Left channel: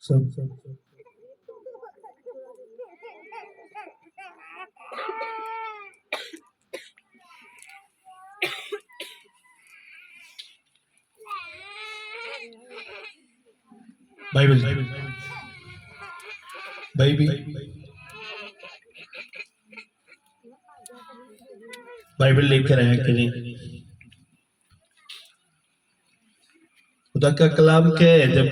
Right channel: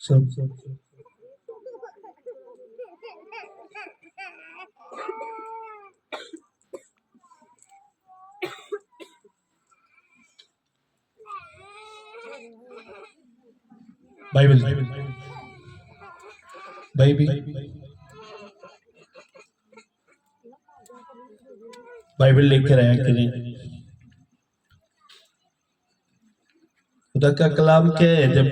सब Bible Bible Bible लेकर आया कि नहीं? खुदा का कलाम क्या है? जब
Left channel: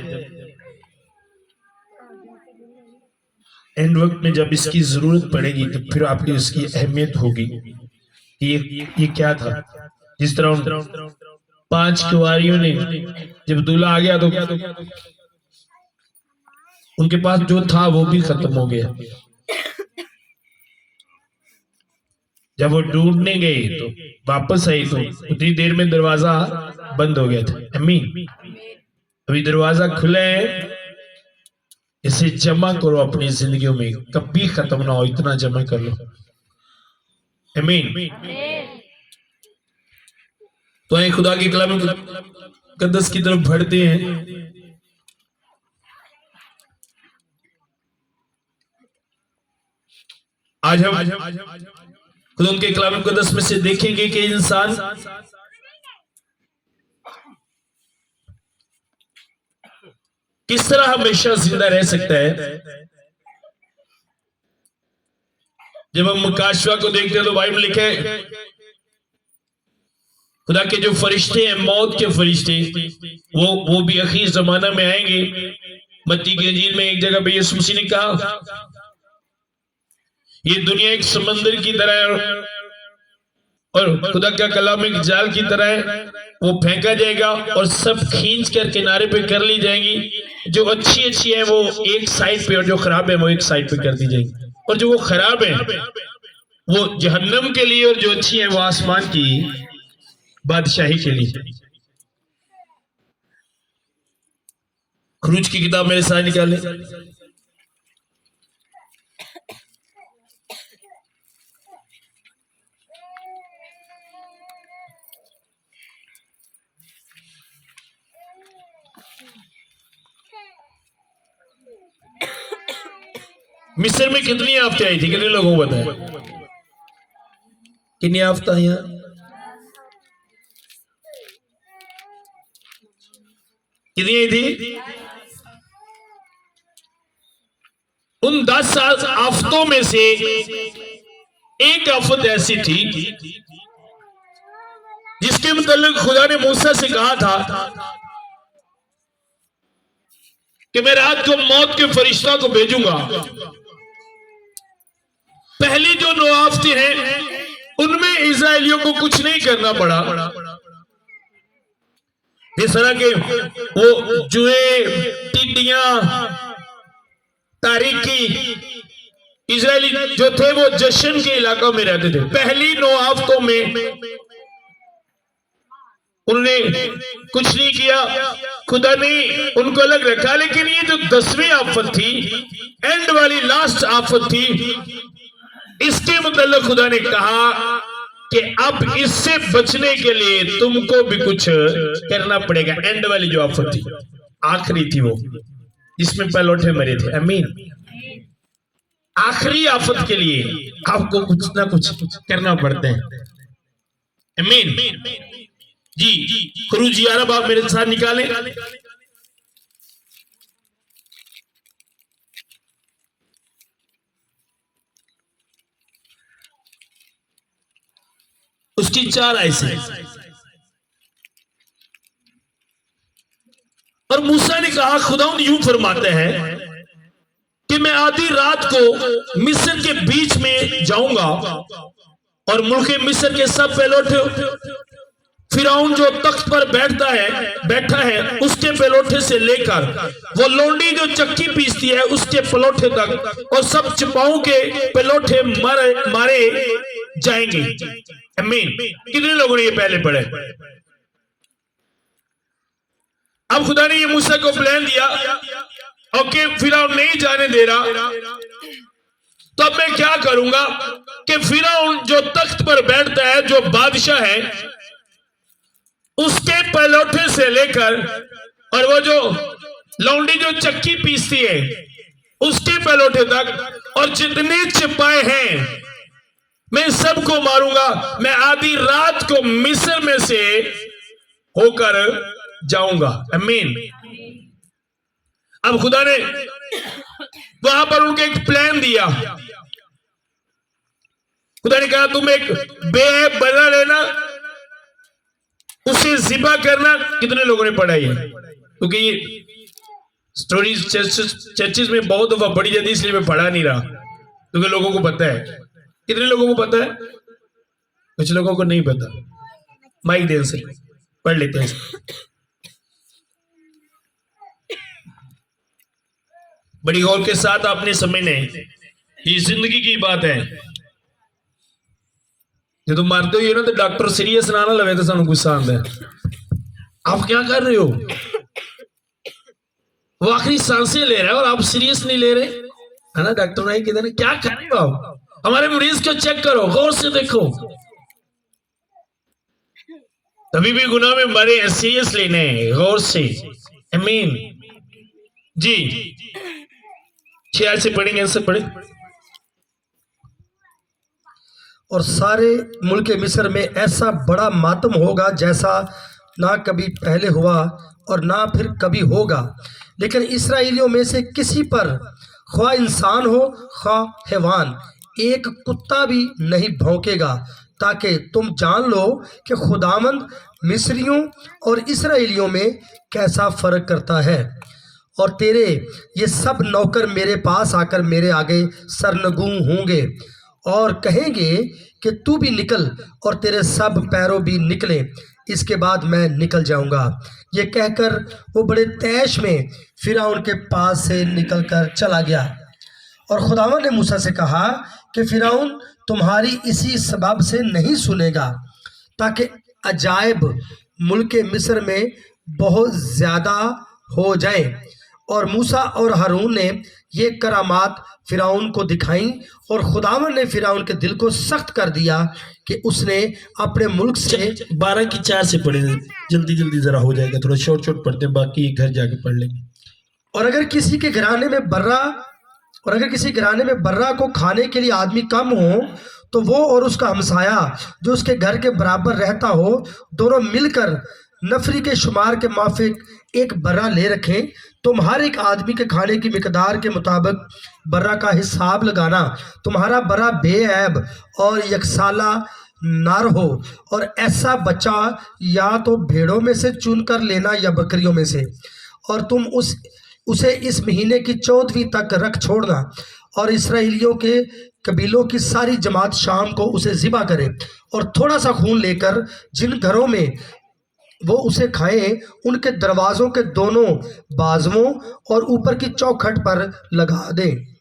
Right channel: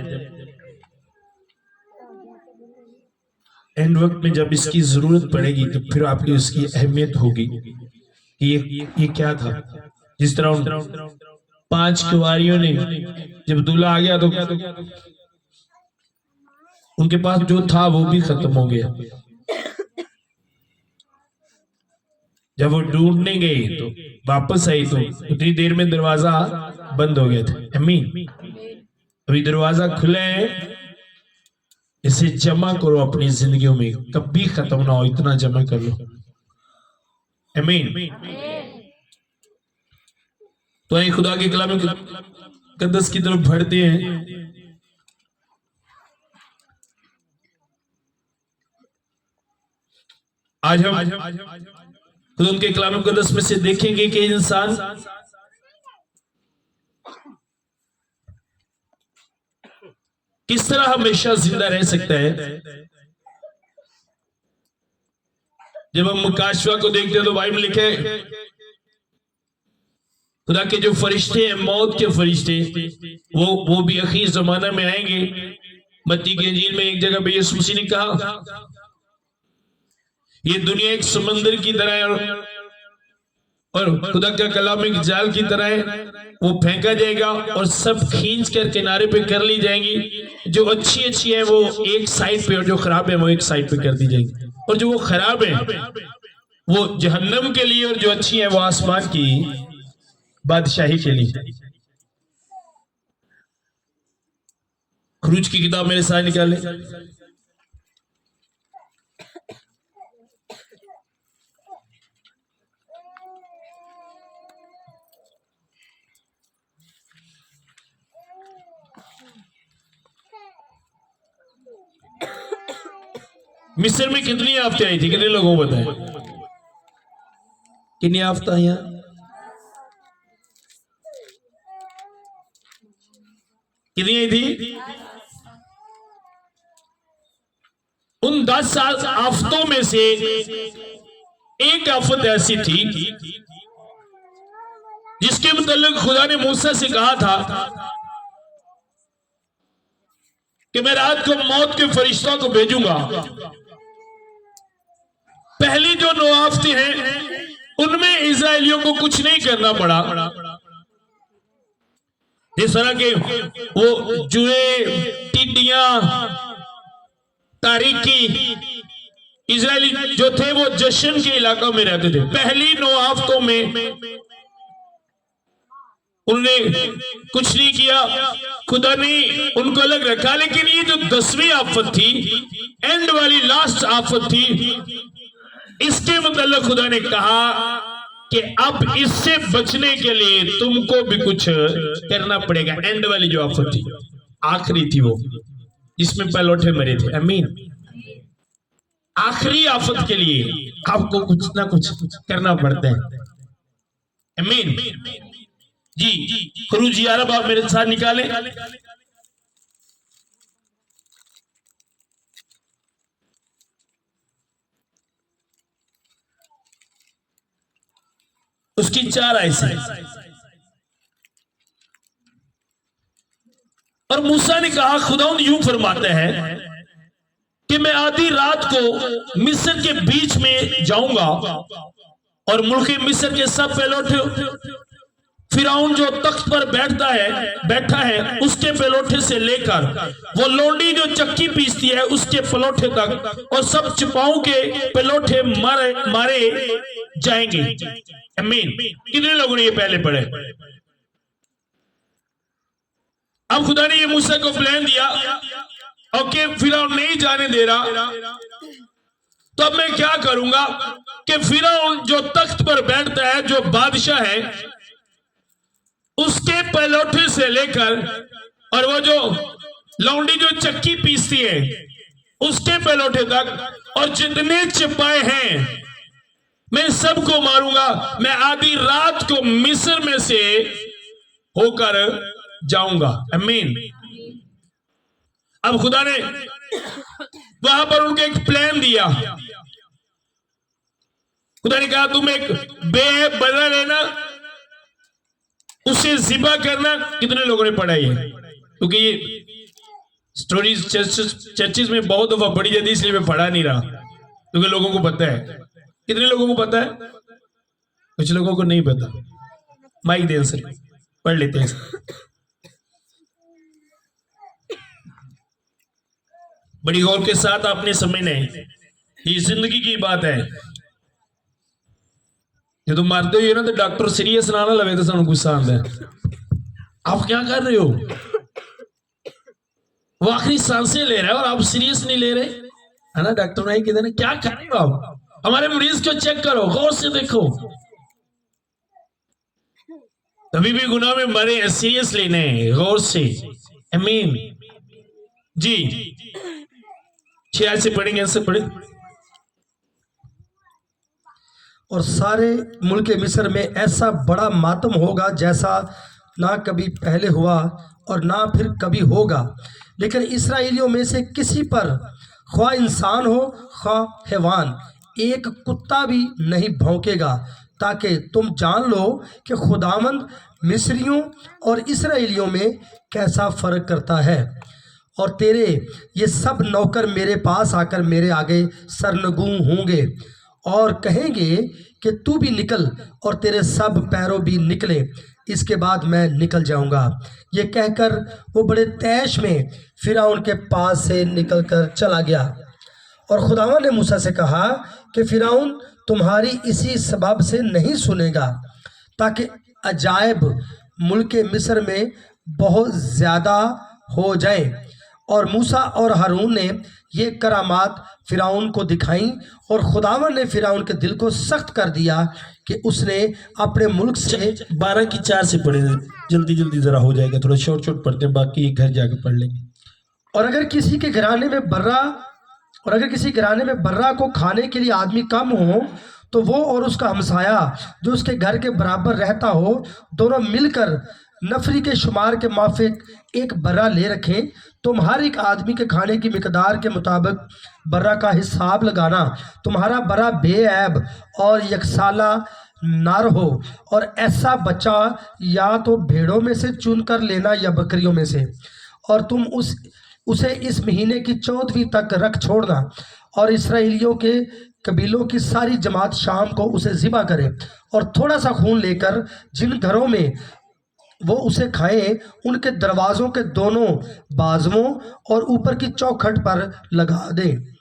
एंड वक्त में जब इसकी जरूरत पड़ेगी तो फिर आपकी उसकी अहमियत होगी कि ये क्या था। जिस तरह 5 कुंवारियों ने जब दूल्हा आ गया तो उनके पास जो था वो भी खत्म हो गया। जब वो ढूंढने गए तो वापस आई तो उतनी देर में दरवाजा बंद हो गया था। अमीन। अभी दरवाजा खुले हैं, इसे जमा करो अपनी जिंदगियों में, कभी खत्म ना हो, इतना जमा कर लो। अमीन। तो ये खुदा के कलाम मुकद्दस की तरफ बढ़ते हैं। आज हम खुदा के कलाम मुकद्दस में से देखेंगे कि इंसान किस तरह हमेशा जिंदा रह सकता है। जब हम मुकाशवा को देखते हैं तो बाइबल लिखे खुदा के जो फरिश्ते हैं, मौत के फरिश्ते, वो भी आखिरी जमाना में आएंगे। मत्ती की इंजील में एक जगह पे यीशु मसीह ने कहा ये दुनिया एक समंदर की तरह है और खुदा का कलाम एक जाल की तरह है, वो फेंका जाएगा और सब खींच कर किनारे पे कर ली जाएंगी। जो अच्छी अच्छी है वो एक साइड पे और जो खराब है वो एक साइड पे कर दी जाएगी। और जो वो खराब है वो जहन्नम के लिए और जो अच्छी है वो आसमान की बादशाही के लिए। खरूज की किताब मेरे साथ निकाले। मिस्र में कितनी आफतें आई थी? कितने लोगों को बताया कितनी आफत आई? कितनी आई थी? उन 10 आफतों में से एक आफत ऐसी थी जिसके मुतालिक खुदा ने मूसा से कहा था कि मैं रात को मौत के फरिश्ता को भेजूंगा। पहली जो 9 आफतें हैं उनमें इजराइलियों को कुछ नहीं करना पड़ा। जिस तरह के वो जुए, टिड्डियां, तारीकी, इजराइली जो थे वो जश्न के इलाकों में रहते थे। पहली 9 आफतों में उन्होंने कुछ नहीं किया, खुदा ने उनको अलग रखा। लेकिन ये जो 10वीं आफत थी, एंड वाली लास्ट आफत थी, इसके मुताल्लिक खुदा ने कहा कि अब इससे बचने के लिए तुमको भी कुछ करना पड़ेगा। एंड वाली जो आफत थी, आखिरी थी, वो जिसमें पहलौठे मरे थे। अमीन। आखिरी आफत के लिए आपको कुछ ना कुछ करना पड़ता है। अमीन जी। खरूज 11 बाब मेरे साथ निकालें। उसकी 4 आयतें। और मूसा ने कहा, खुदावंद यूं फरमाते हैं कि मैं आधी रात को मिस्र के बीच में जाऊंगा और मुल्क मिस्र के सब पहलौठे, फिरौन जो तख्त पर बैठा है उसके पहलौठे से लेकर वो लोंडी जो चक्की पीसती है उसके पलौठे तक, और सब चपाओं के पलौठे मारे जाएंगे। अमीन। कितने लोगों ने ये पहले पढ़े? अब खुदा ने ये मूसा को प्लान दिया, ओके फिरौन नहीं जाने दे रहा, तो अब मैं क्या करूंगा कि फिरौन जो तख्त पर बैठता है, जो बादशाह है, उसके पलौठे से लेकर और वो जो लौंडी जो चक्की पीसती है उसके पलोठे तक, और जितने चिपाए हैं मैं सबको मारूंगा। मैं आधी रात को मिस्र में से होकर जाऊंगा। आमीन। अब खुदा ने वहां पर उनको एक प्लान दिया। खुदा ने कहा तुम एक बेऐब बना लेना, उसे ज़िबा करना। कितने लोगों ने पढ़ा है? क्योंकि ये स्टोरीज चर्चेस में बहुत दफा पढ़ी जाती है, इसलिए मैं पढ़ा नहीं रहा, क्योंकि लोगों को पता है। कितने लोगों को पता है? कुछ लोगों को नहीं पता। माइक दे से पढ़ लेते हैं। बड़ी गौर के साथ आपने समझना है, ये जिंदगी की बात है। जो तुम मारते हो ना तो डॉक्टर सीरियस ना लगे तो सानू गुस्सा आता है। आप क्या कर रहे हो? वो आखिरी सांसें ले रहा है और आप सीरियस नहीं ले रहे, है ना? डॉक्टर नहीं कहते क्या कर रहे हो आप? हमारे मरीज को चेक करो, गौर से देखो। तभी भी गुनाह में मरे, सीरियस लेने, गौर से। आमीन जी। 6 से पढ़ेंगे, ऐसे पढ़े। और सारे मुल्क मिस्र में ऐसा बड़ा मातम होगा जैसा ना कभी पहले हुआ और ना फिर कभी होगा। लेकिन इस्राएलियों में से किसी पर, ख्वाह इंसान हो ख्वाह हैवान, एक कुत्ता भी नहीं भौंकेगा, ताकि तुम जान लो कि खुदावंद मिस्रियों और इस्राएलियों में कैसा फ़र्क करता है। और तेरे ये सब नौकर मेरे पास आकर मेरे आगे सरनगू होंगे और कहेंगे कि तू भी निकल, और तेरे सब पैरों भी निकले, इसके बाद मैं निकल जाऊंगा। ये कहकर वो बड़े तैश में फिरौन के पास से निकलकर चला गया। और खुदावंद ने मूसा से कहा कि फिरौन तुम्हारी इसी सबब से नहीं सुनेगा, ताकि अजायब मुल्क मिस्र में बहुत ज़्यादा हो जाए। और मूसा और हारून ने ये करामात फिरौन को दिखाई, और खुदावंद ने फिरौन के दिल को सख्त कर दिया कि उसने अपने मुल्क से 12 की 4 से पढ़े, जल्दी जल्दी जरा हो जाएगा, थोड़ा शॉर्ट शॉर्ट पढ़ते हैं, बाकी घर जाके पढ़ लेंगे। और अगर किसी घराने में बर्रा को खाने के लिए आदमी कम हो, तो वो और उसका हमसाया जो उसके घर के बराबर रहता हो, दोनों मिलकर नफरी के शुमार के माफिक एक बर्रा ले रखें। तुम हर एक आदमी के खाने की मिकदार के मुताबिक बर्रा का हिसाब लगाना। तुम्हारा बर्रा बेऐब और यकसाला नार हो, और ऐसा बच्चा या तो भेड़ों में से चुन कर लेना या बकरियों में से, और तुम उसे इस महीने की 14वीं तक रख छोड़ना। और इसराइलियों के कबीलों की सारी जमात शाम को उसे ज़िबा करे, और थोड़ा सा खून लेकर जिन घरों में वो उसे खाएं, उनके दरवाज़ों के दोनों बाजुओं और ऊपर की चौखट पर लगा दे।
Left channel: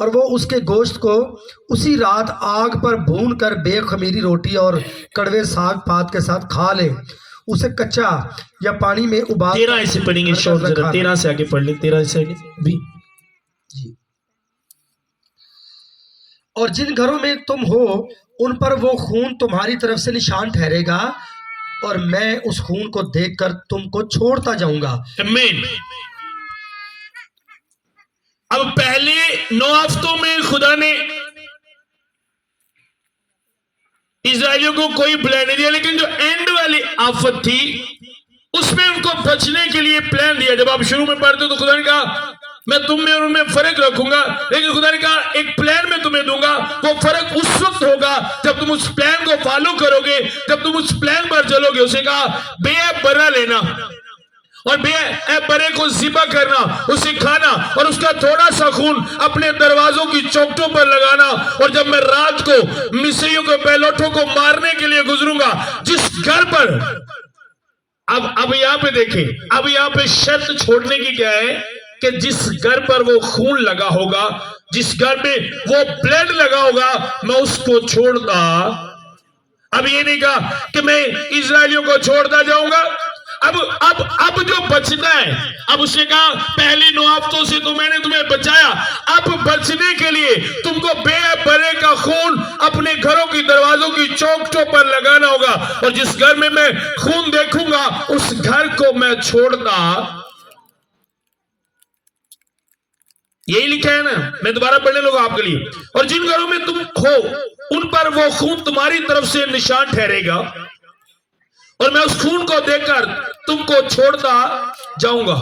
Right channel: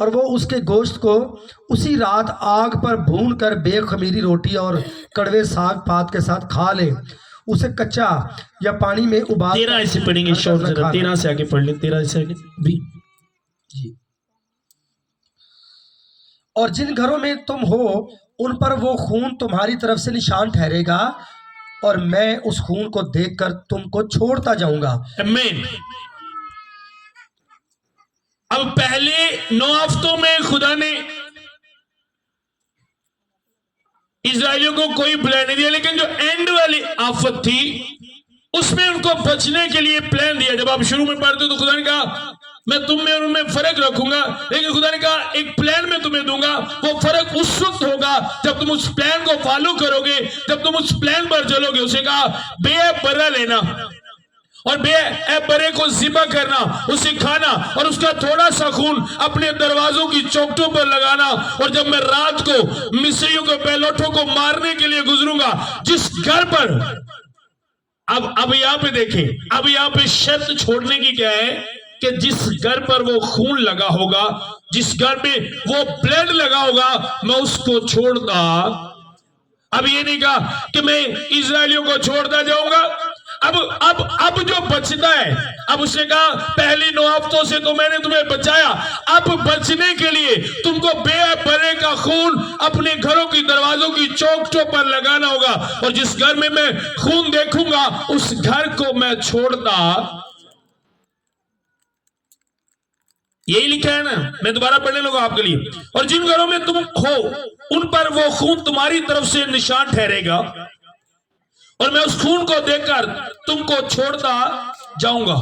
और वो उसके गोश्त को उसी रात आग पर भून कर बेखमीरी रोटी और कड़वे साग पात के साथ खा ले। उसे कच्चा या पानी में उबाल। 13 से पढ़ेंगे, शॉर्ट जरा 13 से आगे पढ़ ले, 13 से आगे भी जी। और जिन घरों में तुम हो उन पर वो खून तुम्हारी तरफ से निशान ठहरेगा, और मैं उस खून को देखकर तुमको छोड़ता जाऊंगा। आमीन। अब पहले 9 हफ्तों में खुदा ने इस्राएलियों को कोई प्लान नहीं दिया, लेकिन जो एंड वाली आफत थी उसमें उनको बचने के लिए प्लान दिया। जब आप शुरू में पढ़ते हो तो खुदा ने कहा मैं तुम में और उनमें फर्क रखूंगा, लेकिन खुदा ने कहा एक प्लान मैं तुम्हें दूंगा। वो फर्क उस वक्त होगा जब तुम उस प्लान को फॉलो करोगे, जब तुम उस प्लान पर चलोगे। उसे कहा बेऐब बर्रा लेना और बेऐब बर्रे को ज़िबा करना, उसे खाना, और उसका थोड़ा सा खून अपने दरवाजों की चौखटों पर लगाना। और जब मैं रात को मिस्रियों के पैलोठों को मारने के लिए गुजरूंगा, जिस घर पर अब यहाँ पे देखें, अब यहाँ पे शर्त छोड़ने की क्या है कि जिस घर पर वो खून लगा होगा, जिस घर में वो ब्लड लगा होगा, मैं उसको छोड़ता। अब ये नहीं कहा कि मैं इजरायलियों को छोड़ता जाऊंगा। अब जो बचता है, अब उसने कहा पहले 9 हफ्तों से तो मैंने तुम्हें बचाया, अब बचने के लिए तुमको बेऐब बर्रे का खून अपने घरों की दरवाजों की चौखटों पर लगाना होगा। और जिस घर में मैं खून देखूंगा उस घर को मैं छोड़ता यही लिखा है ना, मैं दोबारा पढ़ने लगा आपके लिए। और जिन घरों में तुम हो उन पर वो खून तुम्हारी तरफ से निशान ठहरेगा, और मैं उस खून को देखकर तुमको छोड़ता जाऊंगा,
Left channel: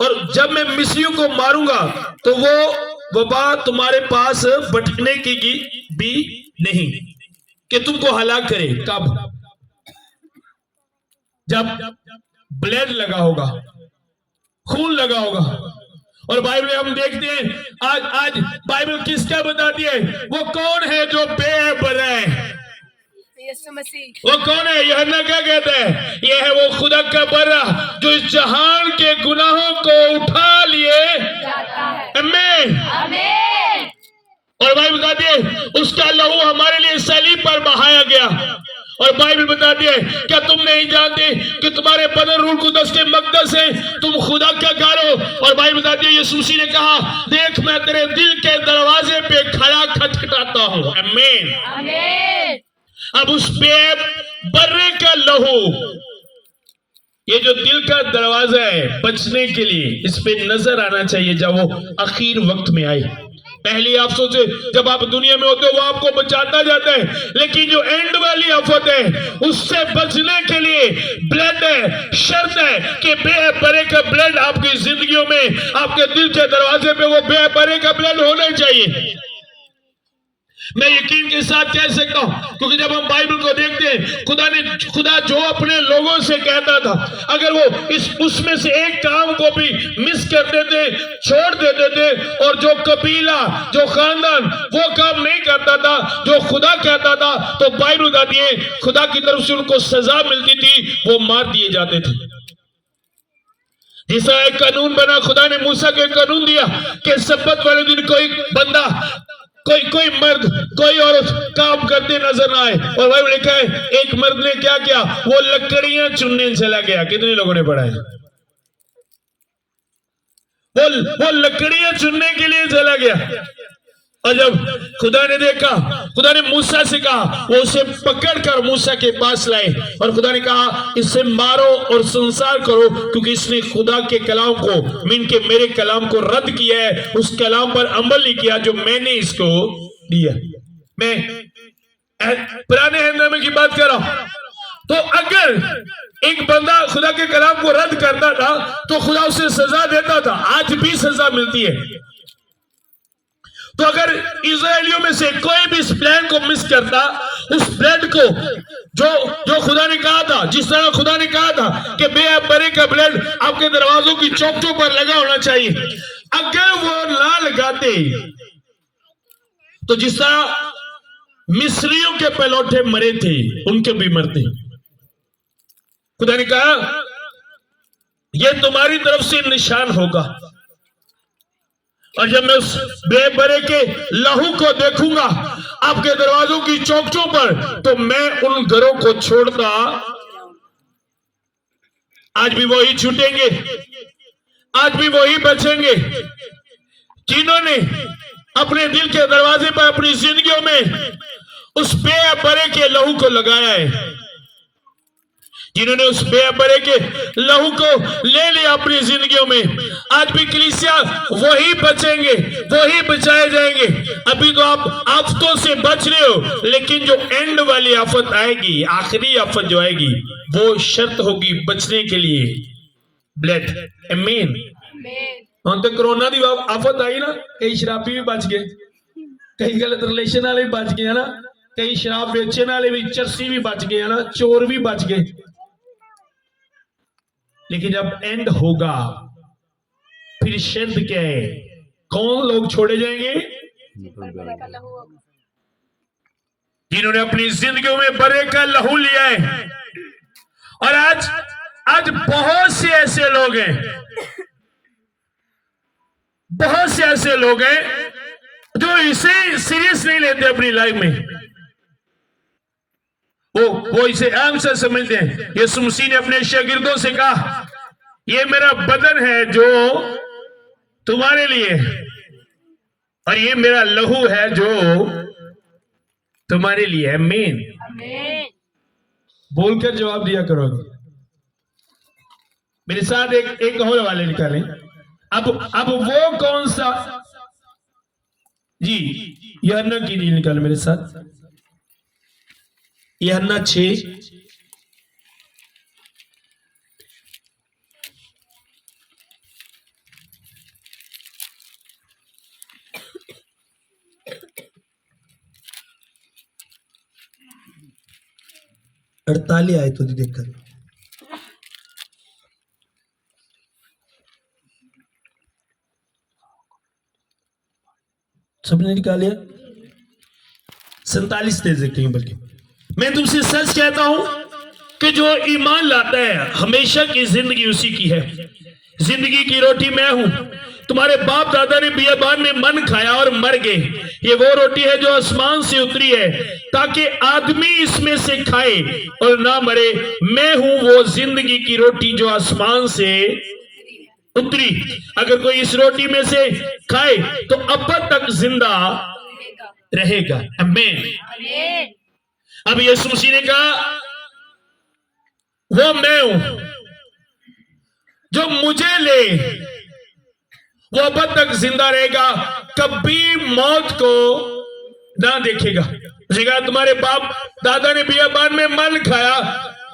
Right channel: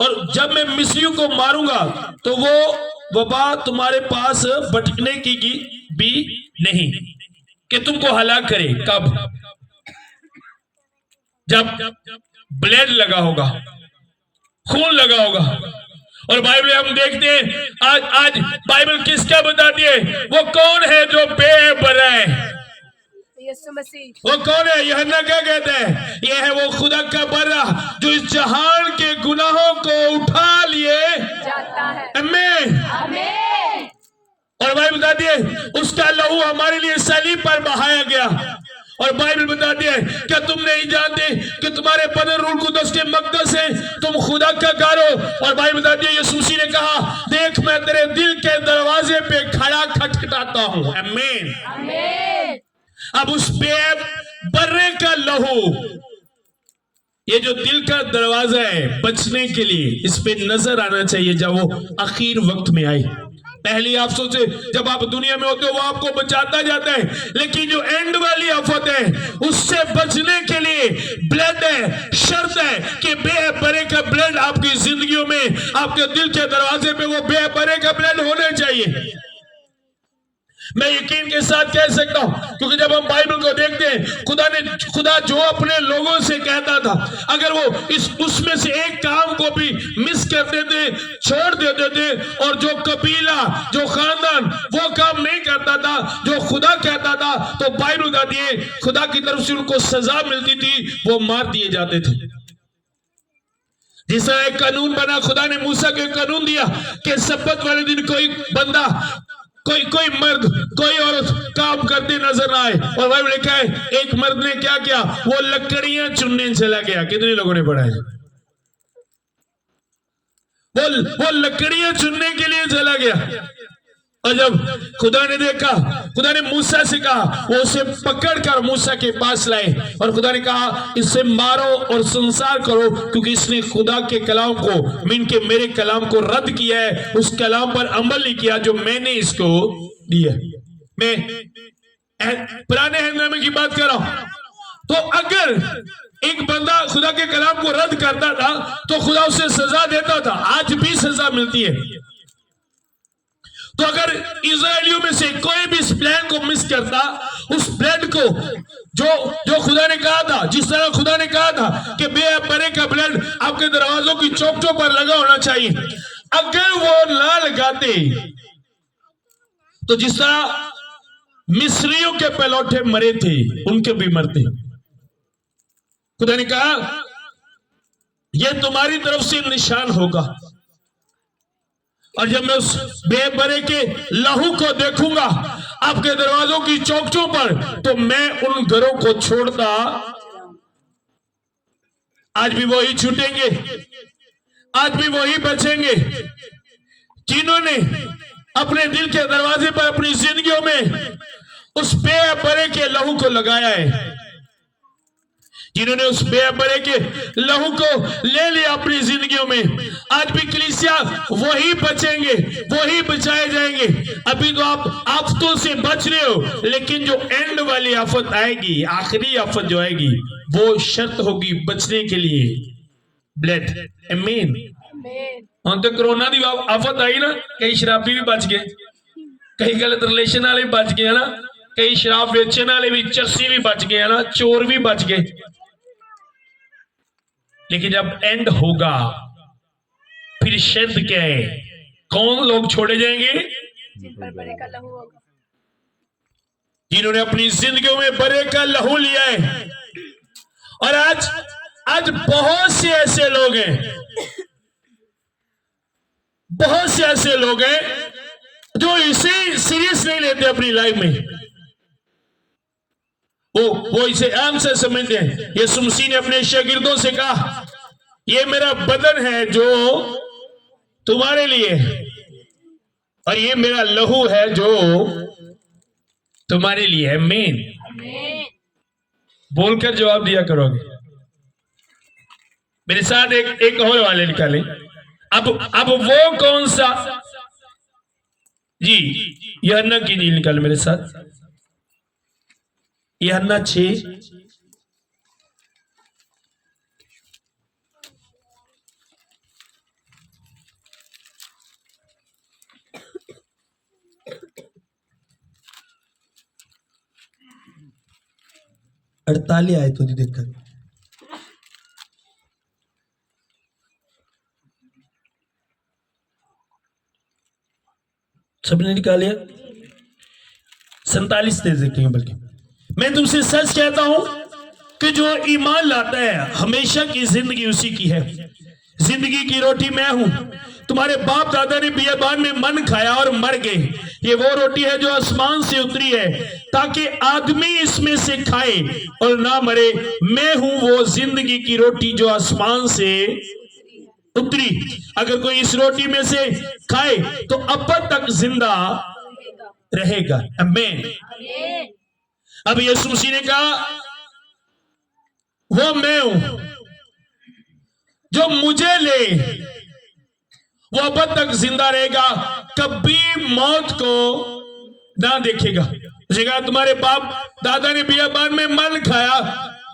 और जब मैं मिस्रियों को मारूंगा तो वो वबा तुम्हारे पास बटने की भी नहीं कि तुमको हलाक करे। कब? जब ब्लेड लगा होगा, खून लगा होगा। और बाइबल हम देखते हैं आज बाइबल किसका बताती है? वो कौन है जो बेबरा है? यीशु मसीह। वो कौन है? यूहन्ना क्या कहते हैं? ये है वो खुदा का बरा जो इस जहान के गुनाहों को उठा लिए जाता है। आमीन। आमीन। और बाइबल बताती है उसका लहू हमारे लिए सलीब पर बहाया गया। और बाइबल बताती है क्या तुम नहीं जानते कि तुम्हारे बदन रूह कुदस के मकदस है, तुम खुदा का घर हो। और बाइबल बताती है यीशु मसीह ने कहा देख मैं तेरे दिल के दरवाजे पे खड़ा खटखटाता हूं। आमीन। आमीन। अब उस बर्रे का लहू, ये जो दिल का दरवाजा है बचने के लिए, इस पे नजर आना चाहिए जब वो आखिर वक्त में आए। पहली आप सोचे जब आप दुनिया में होते हो वो आपको बचाता जाता है, लेकिन जो एंड वाली आफत है उससे बचने के लिए ब्लड है, शर्त है कि बेबरे का ब्लड आपकी जिंदगियों में, आपके दिल के दरवाजे पे वो बेबरे का ब्लड होना चाहिए। मैं यकीन के साथ कह सकता हूं क्योंकि जब हम बाइबल को देखते हैं खुदा जो अपने लोगों से कहता था, अगर वो उसमें से एक काम को भी मिस कर देते, छोड़ देते थे, और जो कबीला, जो खानदान वो काम नहीं करता था जो खुदा कहता था, तो बाइबल कहती है खुदा की तरफ से उनको सजा मिलती थी, वो मार दिए जाते थे। जिसका एक कानून बना, खुदा ने मूसा को एक कानून दिया कि सब्बत वाले दिन कोई बंदा, कोई मर्द, कोई औरत काम करते नजर आए। और बाइबल लिखा है एक मर्द ने क्या किया? वो लकड़ियां चुनने चला गया। कितने लोगों ने पढ़ा है? वो लकड़ियां चुनने के लिए चला गया। और जब खुदा ने देखा, खुदा ने मूसा से कहा, वो उसे पकड़कर मूसा के पास लाए और खुदा ने कहा इसे मारो और संसार करो, क्योंकि इसने खुदा के कलाम को, मेरे कलाम को रद्द किया है, उस कलाम पर अमल नहीं किया जो मैंने इसको दिया। मैं पुराने हिंदुस्तान की बात कर रहा हूं। तो अगर एक बंदा खुदा के कलाम को रद्द करता था तो खुदा उसे सजा देता था, आज भी सजा मिलती है। तो अगर इजरायलियों में से कोई भी इस प्लान को मिस करता, उस ब्लड को जो खुदा ने कहा था, जिस तरह खुदा ने कहा था कि बेबरे का ब्लड आपके दरवाजों की चौखटों पर लगा होना चाहिए, अगर वो ना लगाते तो जिस तरह मिस्रियों के पहलौठे मरे थे उनके भी मरते। खुदा ने कहा यह तुम्हारी तरफ से निशान होगा, और जब मैं उस बेबरे के लहू को देखूंगा आपके दरवाजों की चौखटों पर, तो मैं उन घरों को छोड़ता, आज भी वही छूटेंगे, आज भी वही बचेंगे जिन्होंने अपने दिल के दरवाजे पर अपनी जिंदगियों में उस बेबरे के लहू को लगाया है, जिन्होंने उस बेबरे के लहू को ले लिया अपनी जिंदगियों में। आज भी कलीसिया वही बचेंगे, वही बचाए जाएंगे। अभी तो आप आफतों से बच रहे हो, लेकिन जो एंड वाली आफत आएगी, आखिरी आफत जो आएगी, वो शर्त होगी बचने के लिए ब्लड। आमीन। हम तो कोरोना की आफत आई ना, कई शराबी भी बच गए, कई गलत रिलेशन वाले भी बच गए ना, कई शराब बेचने वाले भी, चर्सी भी बच गए ना, चोर भी बच गए। लेकिन जब एंड होगा फिर शर्त क्या है? कौन लोग छोड़े जाएंगे? जिन्होंने अपनी जिंदगियों में बरे का लहू लिया है। और आज बहुत से ऐसे लोग हैं, बहुत से ऐसे लोग हैं जो इसे सीरियस नहीं लेते अपनी लाइफ में, वो इसे आम से समझते हैं। यीशु मसीह ने अपने शागिर्दों से कहा ये मेरा बदन है जो तुम्हारे लिए, और ये मेरा लहू है जो तुम्हारे लिए है। आमीन। बोलकर जवाब दिया करोगे। मेरे साथ एक और वाले निकालें। अब वो कौन सा जी, यूहन्ना की इंजील निकाल मेरे साथ, यूहन्ना 6 48 आए तो देखकर सबने निकाल लिया। 47 दे सकते हैं, बल्कि मैं तुमसे सच कहता हूं कि जो ईमान लाता है हमेशा की जिंदगी उसी की है। जिंदगी की रोटी मैं हूं। तुम्हारे बाप दादा ने बियाबान में मन खाया और मर गए। ये वो रोटी है जो आसमान से उतरी है ताकि आदमी इसमें से खाए और ना मरे। मैं हूं वो जिंदगी की रोटी जो आसमान से उतरी। अगर कोई इस रोटी में से खाए तो अब तक जिंदा रहेगा। आमीन। आमीन। अब यीशु मसीह ने कहा वो मैं हूं, जो मुझे ले वो अब तक जिंदा रहेगा, कभी मौत को ना देखेगा। उसने कहा तुम्हारे बाप दादा ने बियाबान में मन खाया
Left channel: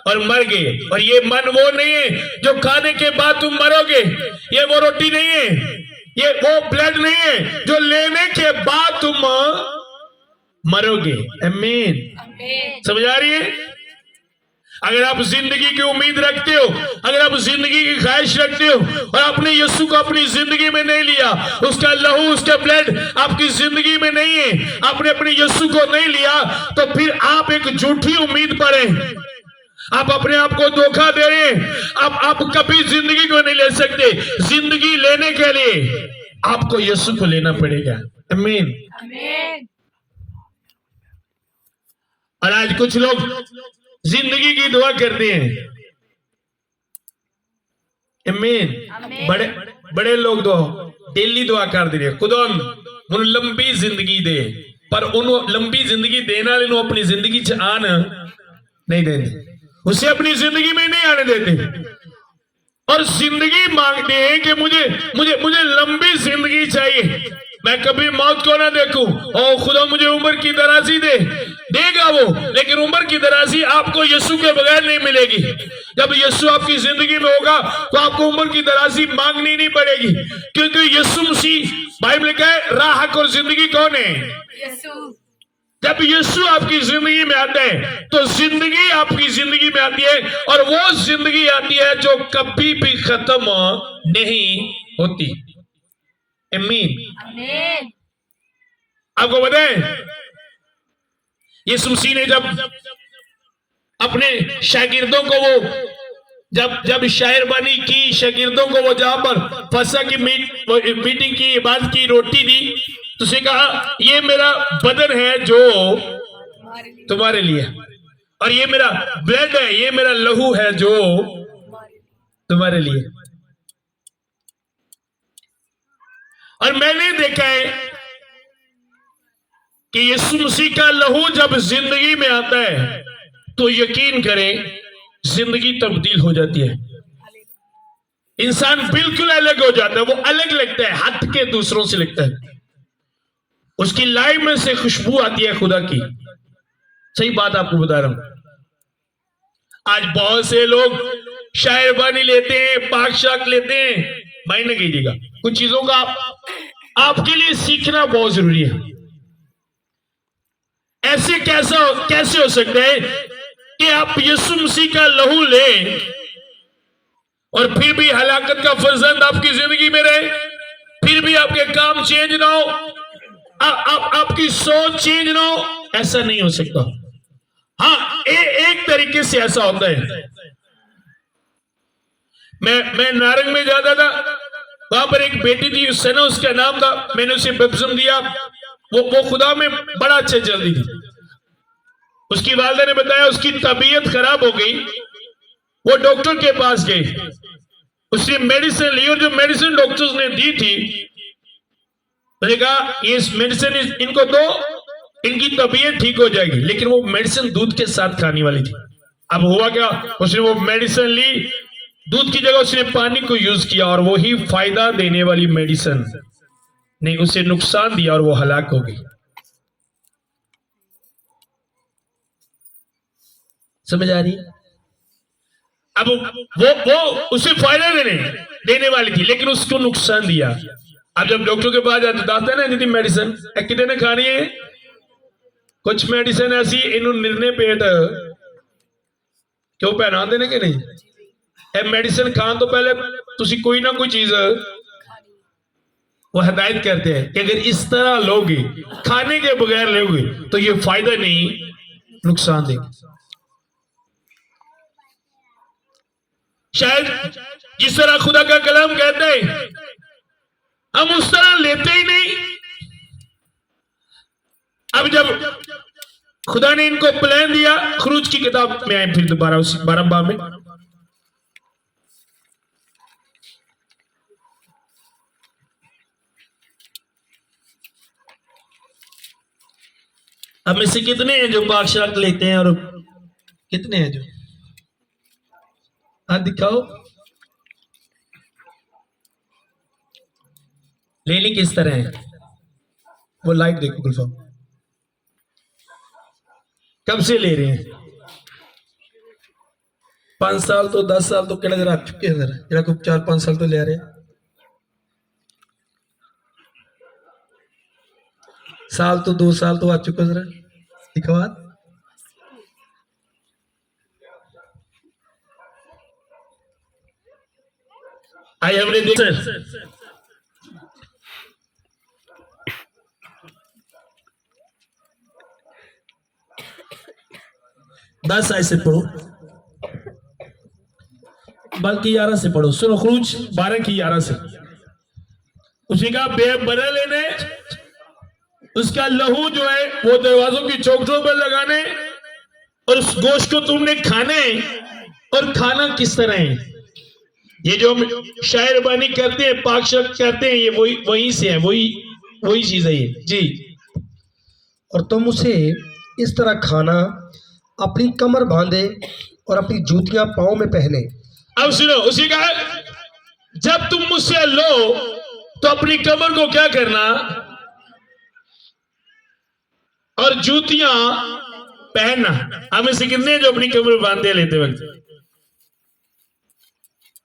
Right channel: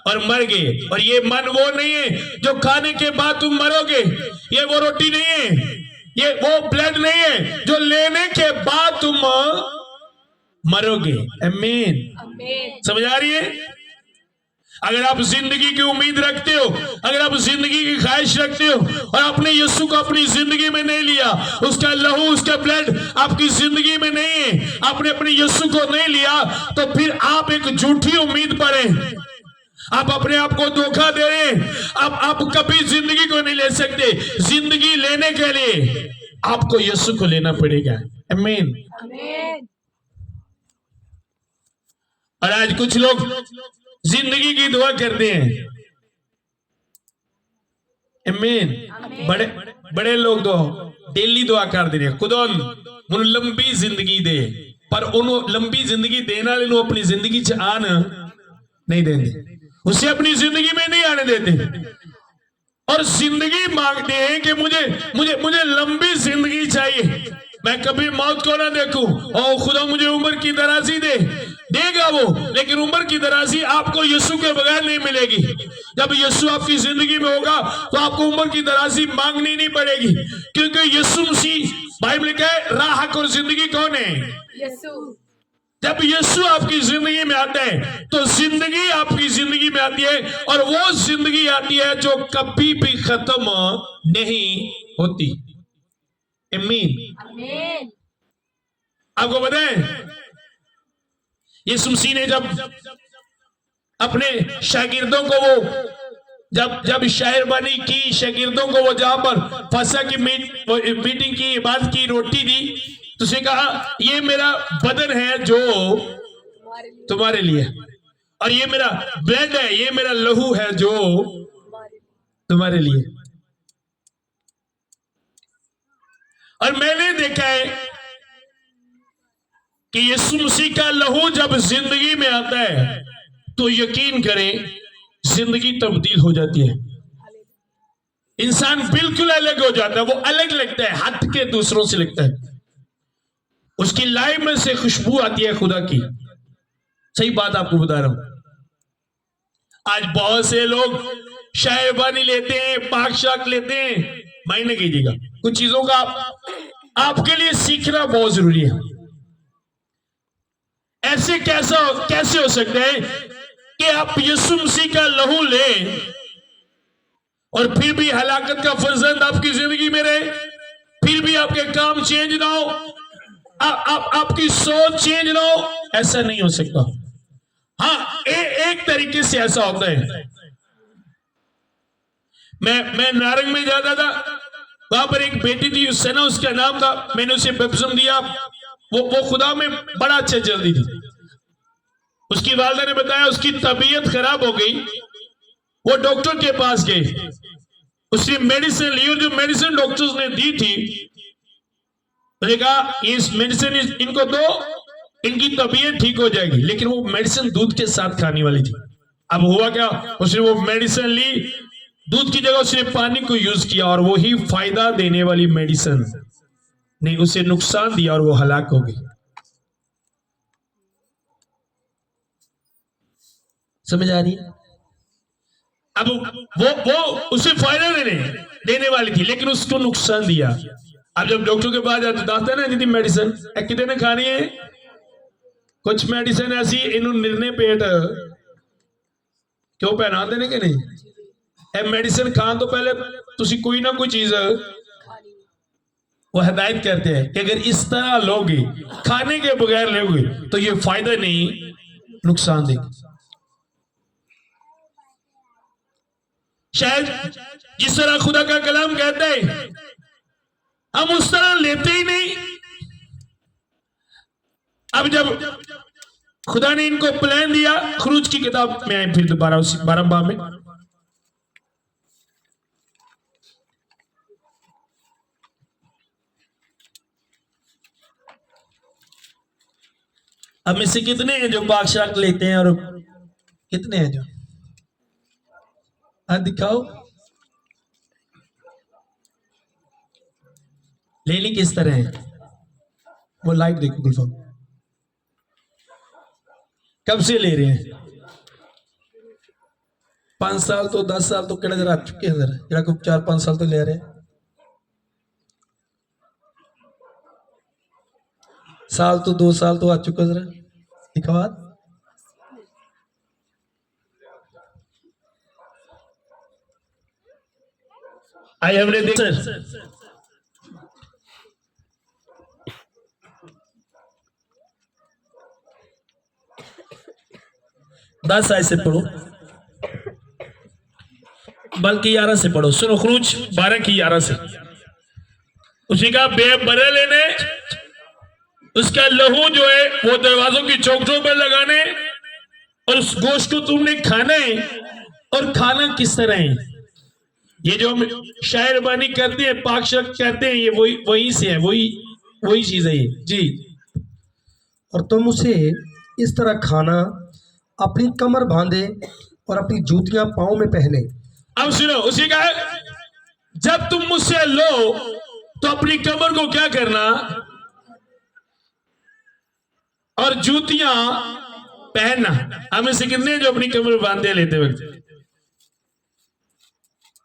और मर गए, और ये मन वो नहीं है जो खाने के बाद तुम मरोगे। ये वो रोटी नहीं है, ये वो ब्लड नहीं है जो लेने के बाद तुम मरोगे। आमीन। आमीन। समझ आ रही है? अगर आप जिंदगी की उम्मीद रखते हो, अगर आप जिंदगी की ख्वाहिश रखते हो और आपने यीशु को अपनी जिंदगी में नहीं लिया, उसका लहू उसका ब्लड आपकी जिंदगी में नहीं है, आपने अपने यीशु को नहीं लिया, तो फिर आप एक झूठी उम्मीद पर हैं। आप अपने आप को धोखा दे रहे हैं। आप कभी जिंदगी को नहीं ले सकते। जिंदगी लेने के लिए आपको यीशु को लेना पड़ेगा। आमीन। आमीन। और आज कुछ लोग जिंदगी की दुआ करते हैं। आमीन। आमीन। बड़े बड़े लोग तो डेली दुआ कर दे रहे खुदा उन लंबी जिंदगी दे, पर उन लंबी जिंदगी देना लेनो अपनी जिंदगी च आन नहीं देते, उसे अपनी जिंदगी में नहीं आने देते, और जिंदगी मांगते हैं कि मुझे मुझे मुझे लंबी जिंदगी चाहिए, मैं कभी मौत को ना देखूं। ओ खुदा मुझे उम्र की दराजी दे, देगा वो, लेकिन उम्र की दराजी आपको यीशु के बगैर नहीं मिलेगी। जब यीशु आपकी जिंदगी में होगा तो आपको उम्र की दराजी मांगनी नहीं पड़ेगी, क्योंकि यीशु मसीह, बाइबल कहे राह और जिंदगी कौन है? यीशु। जब यीशु आपकी जिंदगी में आता है तो जिंदगी आपकी जिंदगी में आती है, और वो जिंदगी आती है जो कभी भी खत्म नहीं होती। आमीन। आमीन। आपको बताएं, यीशु मसीह ने जब अपने शागिर्दों को वो जब शायरबानी की, शागिर्दों को वो जहां पर फसह की मीटिंग की बाद की रोटी दी, तो उसने कहा ये मेरा बदन है जो तुम्हारे लिए, और ये मेरा ब्लड है, ये मेरा लहू है जो तुम्हारे लिए। और मैंने देखा है कि यीशु मसीह का लहू जब जिंदगी में आता है तो यकीन करें जिंदगी तब्दील हो जाती है। इंसान बिल्कुल अलग हो जाता है, वो अलग लगता है, हट के दूसरों से लगता है। उसकी लाइफ में से खुशबू आती है खुदा की। सही बात आपको बता रहा हूं। आज बहुत से लोग शायरबानी लेते हैं, पाक शाक लेते हैं। मायने कीजिएगा, कुछ चीजों का आपके लिए सीखना बहुत जरूरी है। ऐसे कैसे हो सकता है कि आप यीशु मसीह का लहू लें और फिर भी हलाकत का फर्जंद आपकी जिंदगी में रहे, फिर भी आपके काम चेंज ना हो, आपकी सोच चेंज ना हो? ऐसा नहीं हो सकता। हाँ, एक तरीके से ऐसा होता है। मैं नारंग में जाता था, वहां पर एक बेटी थी, सना उसका नाम था, मैंने उसे बपतिस्मा दिया। वो खुदा में बड़ा अच्छा चलती थी। उसकी वालिदा ने बताया उसकी तबीयत खराब हो गई, वो डॉक्टर के पास गई, उसने मेडिसिन ली, और जो मेडिसिन डॉक्टर्स ने दी थी, उसने कहा इस मेडिसिन इनको दो, इनकी तबीयत ठीक हो जाएगी। लेकिन वो मेडिसिन दूध के साथ खाने वाली थी। अब हुआ क्या, उसने वो मेडिसिन ली, दूध की जगह उसने पानी को यूज किया और वही फायदा देने वाली मेडिसिन ने उसे नुकसान दिया और वो हलाक हो गई। समझ आ रही है? अब वो उसे फायदा देने वाली थी, लेकिन उसको नुकसान दिया। अब जब डॉक्टर के पास जाए तो दसता ना जी मेडिसिन कितने ने खानी है। कुछ मेडिसिन ऐसी इन्हों निर्णय पेट क्यों पहनाते ने कि नहीं, मेडिसिन खान तो पहले तुसी कोई ना कोई चीज वो हिदायत करते हैं कि अगर इस तरह लोगे, खाने के बगैर लोगे तो ये फायदा नहीं नुकसान देगी। शायद जिस तरह खुदा का कलाम कहता है हम उस तरह लेते ही नहीं। अब जब खुदा ने इनको प्लान दिया, खुरूज की किताब में आए फिर दोबारा उसी 12 बाब में, अब में से कितने हैं जो पाक शराब लेते हैं और कितने हैं जो दिखाओ लेनी किस तरह है। वो लाइट देखो गुलफाम कब से ले रहे हैं। 5 साल तो 10 साल तो किहड़े आ चुके हैं जरा को 4-5 साल तो ले रहे हैं। साल तो 2 साल तो आ चुका जरा दिखाओ। आई हमने देखा 10 आयत से पढ़ो, बल्कि 11 से पढ़ो। सुनो खुरूज 12 की 11 से। उसी का बरे लेने, उसका लहू जो है वो दरवाजों की चौखटों पर लगाने, और उस गोश्त को तुमने खाना है। और खाना किस तरह है, ये जो हम शायर बानी करते हैं, पाक शर्त करते हैं, ये वही से है, वही चीज है ये जी। और तुम उसे इस तरह खाना, अपनी कमर बांधे और अपनी जूतियां पांव में पहने। अब सुनो उसी का, जब तुम मुझसे लो तो अपनी कमर को क्या करना और जूतियां पहनना। हमें से कितने जो अपनी कमर बांधे लेते वक्त,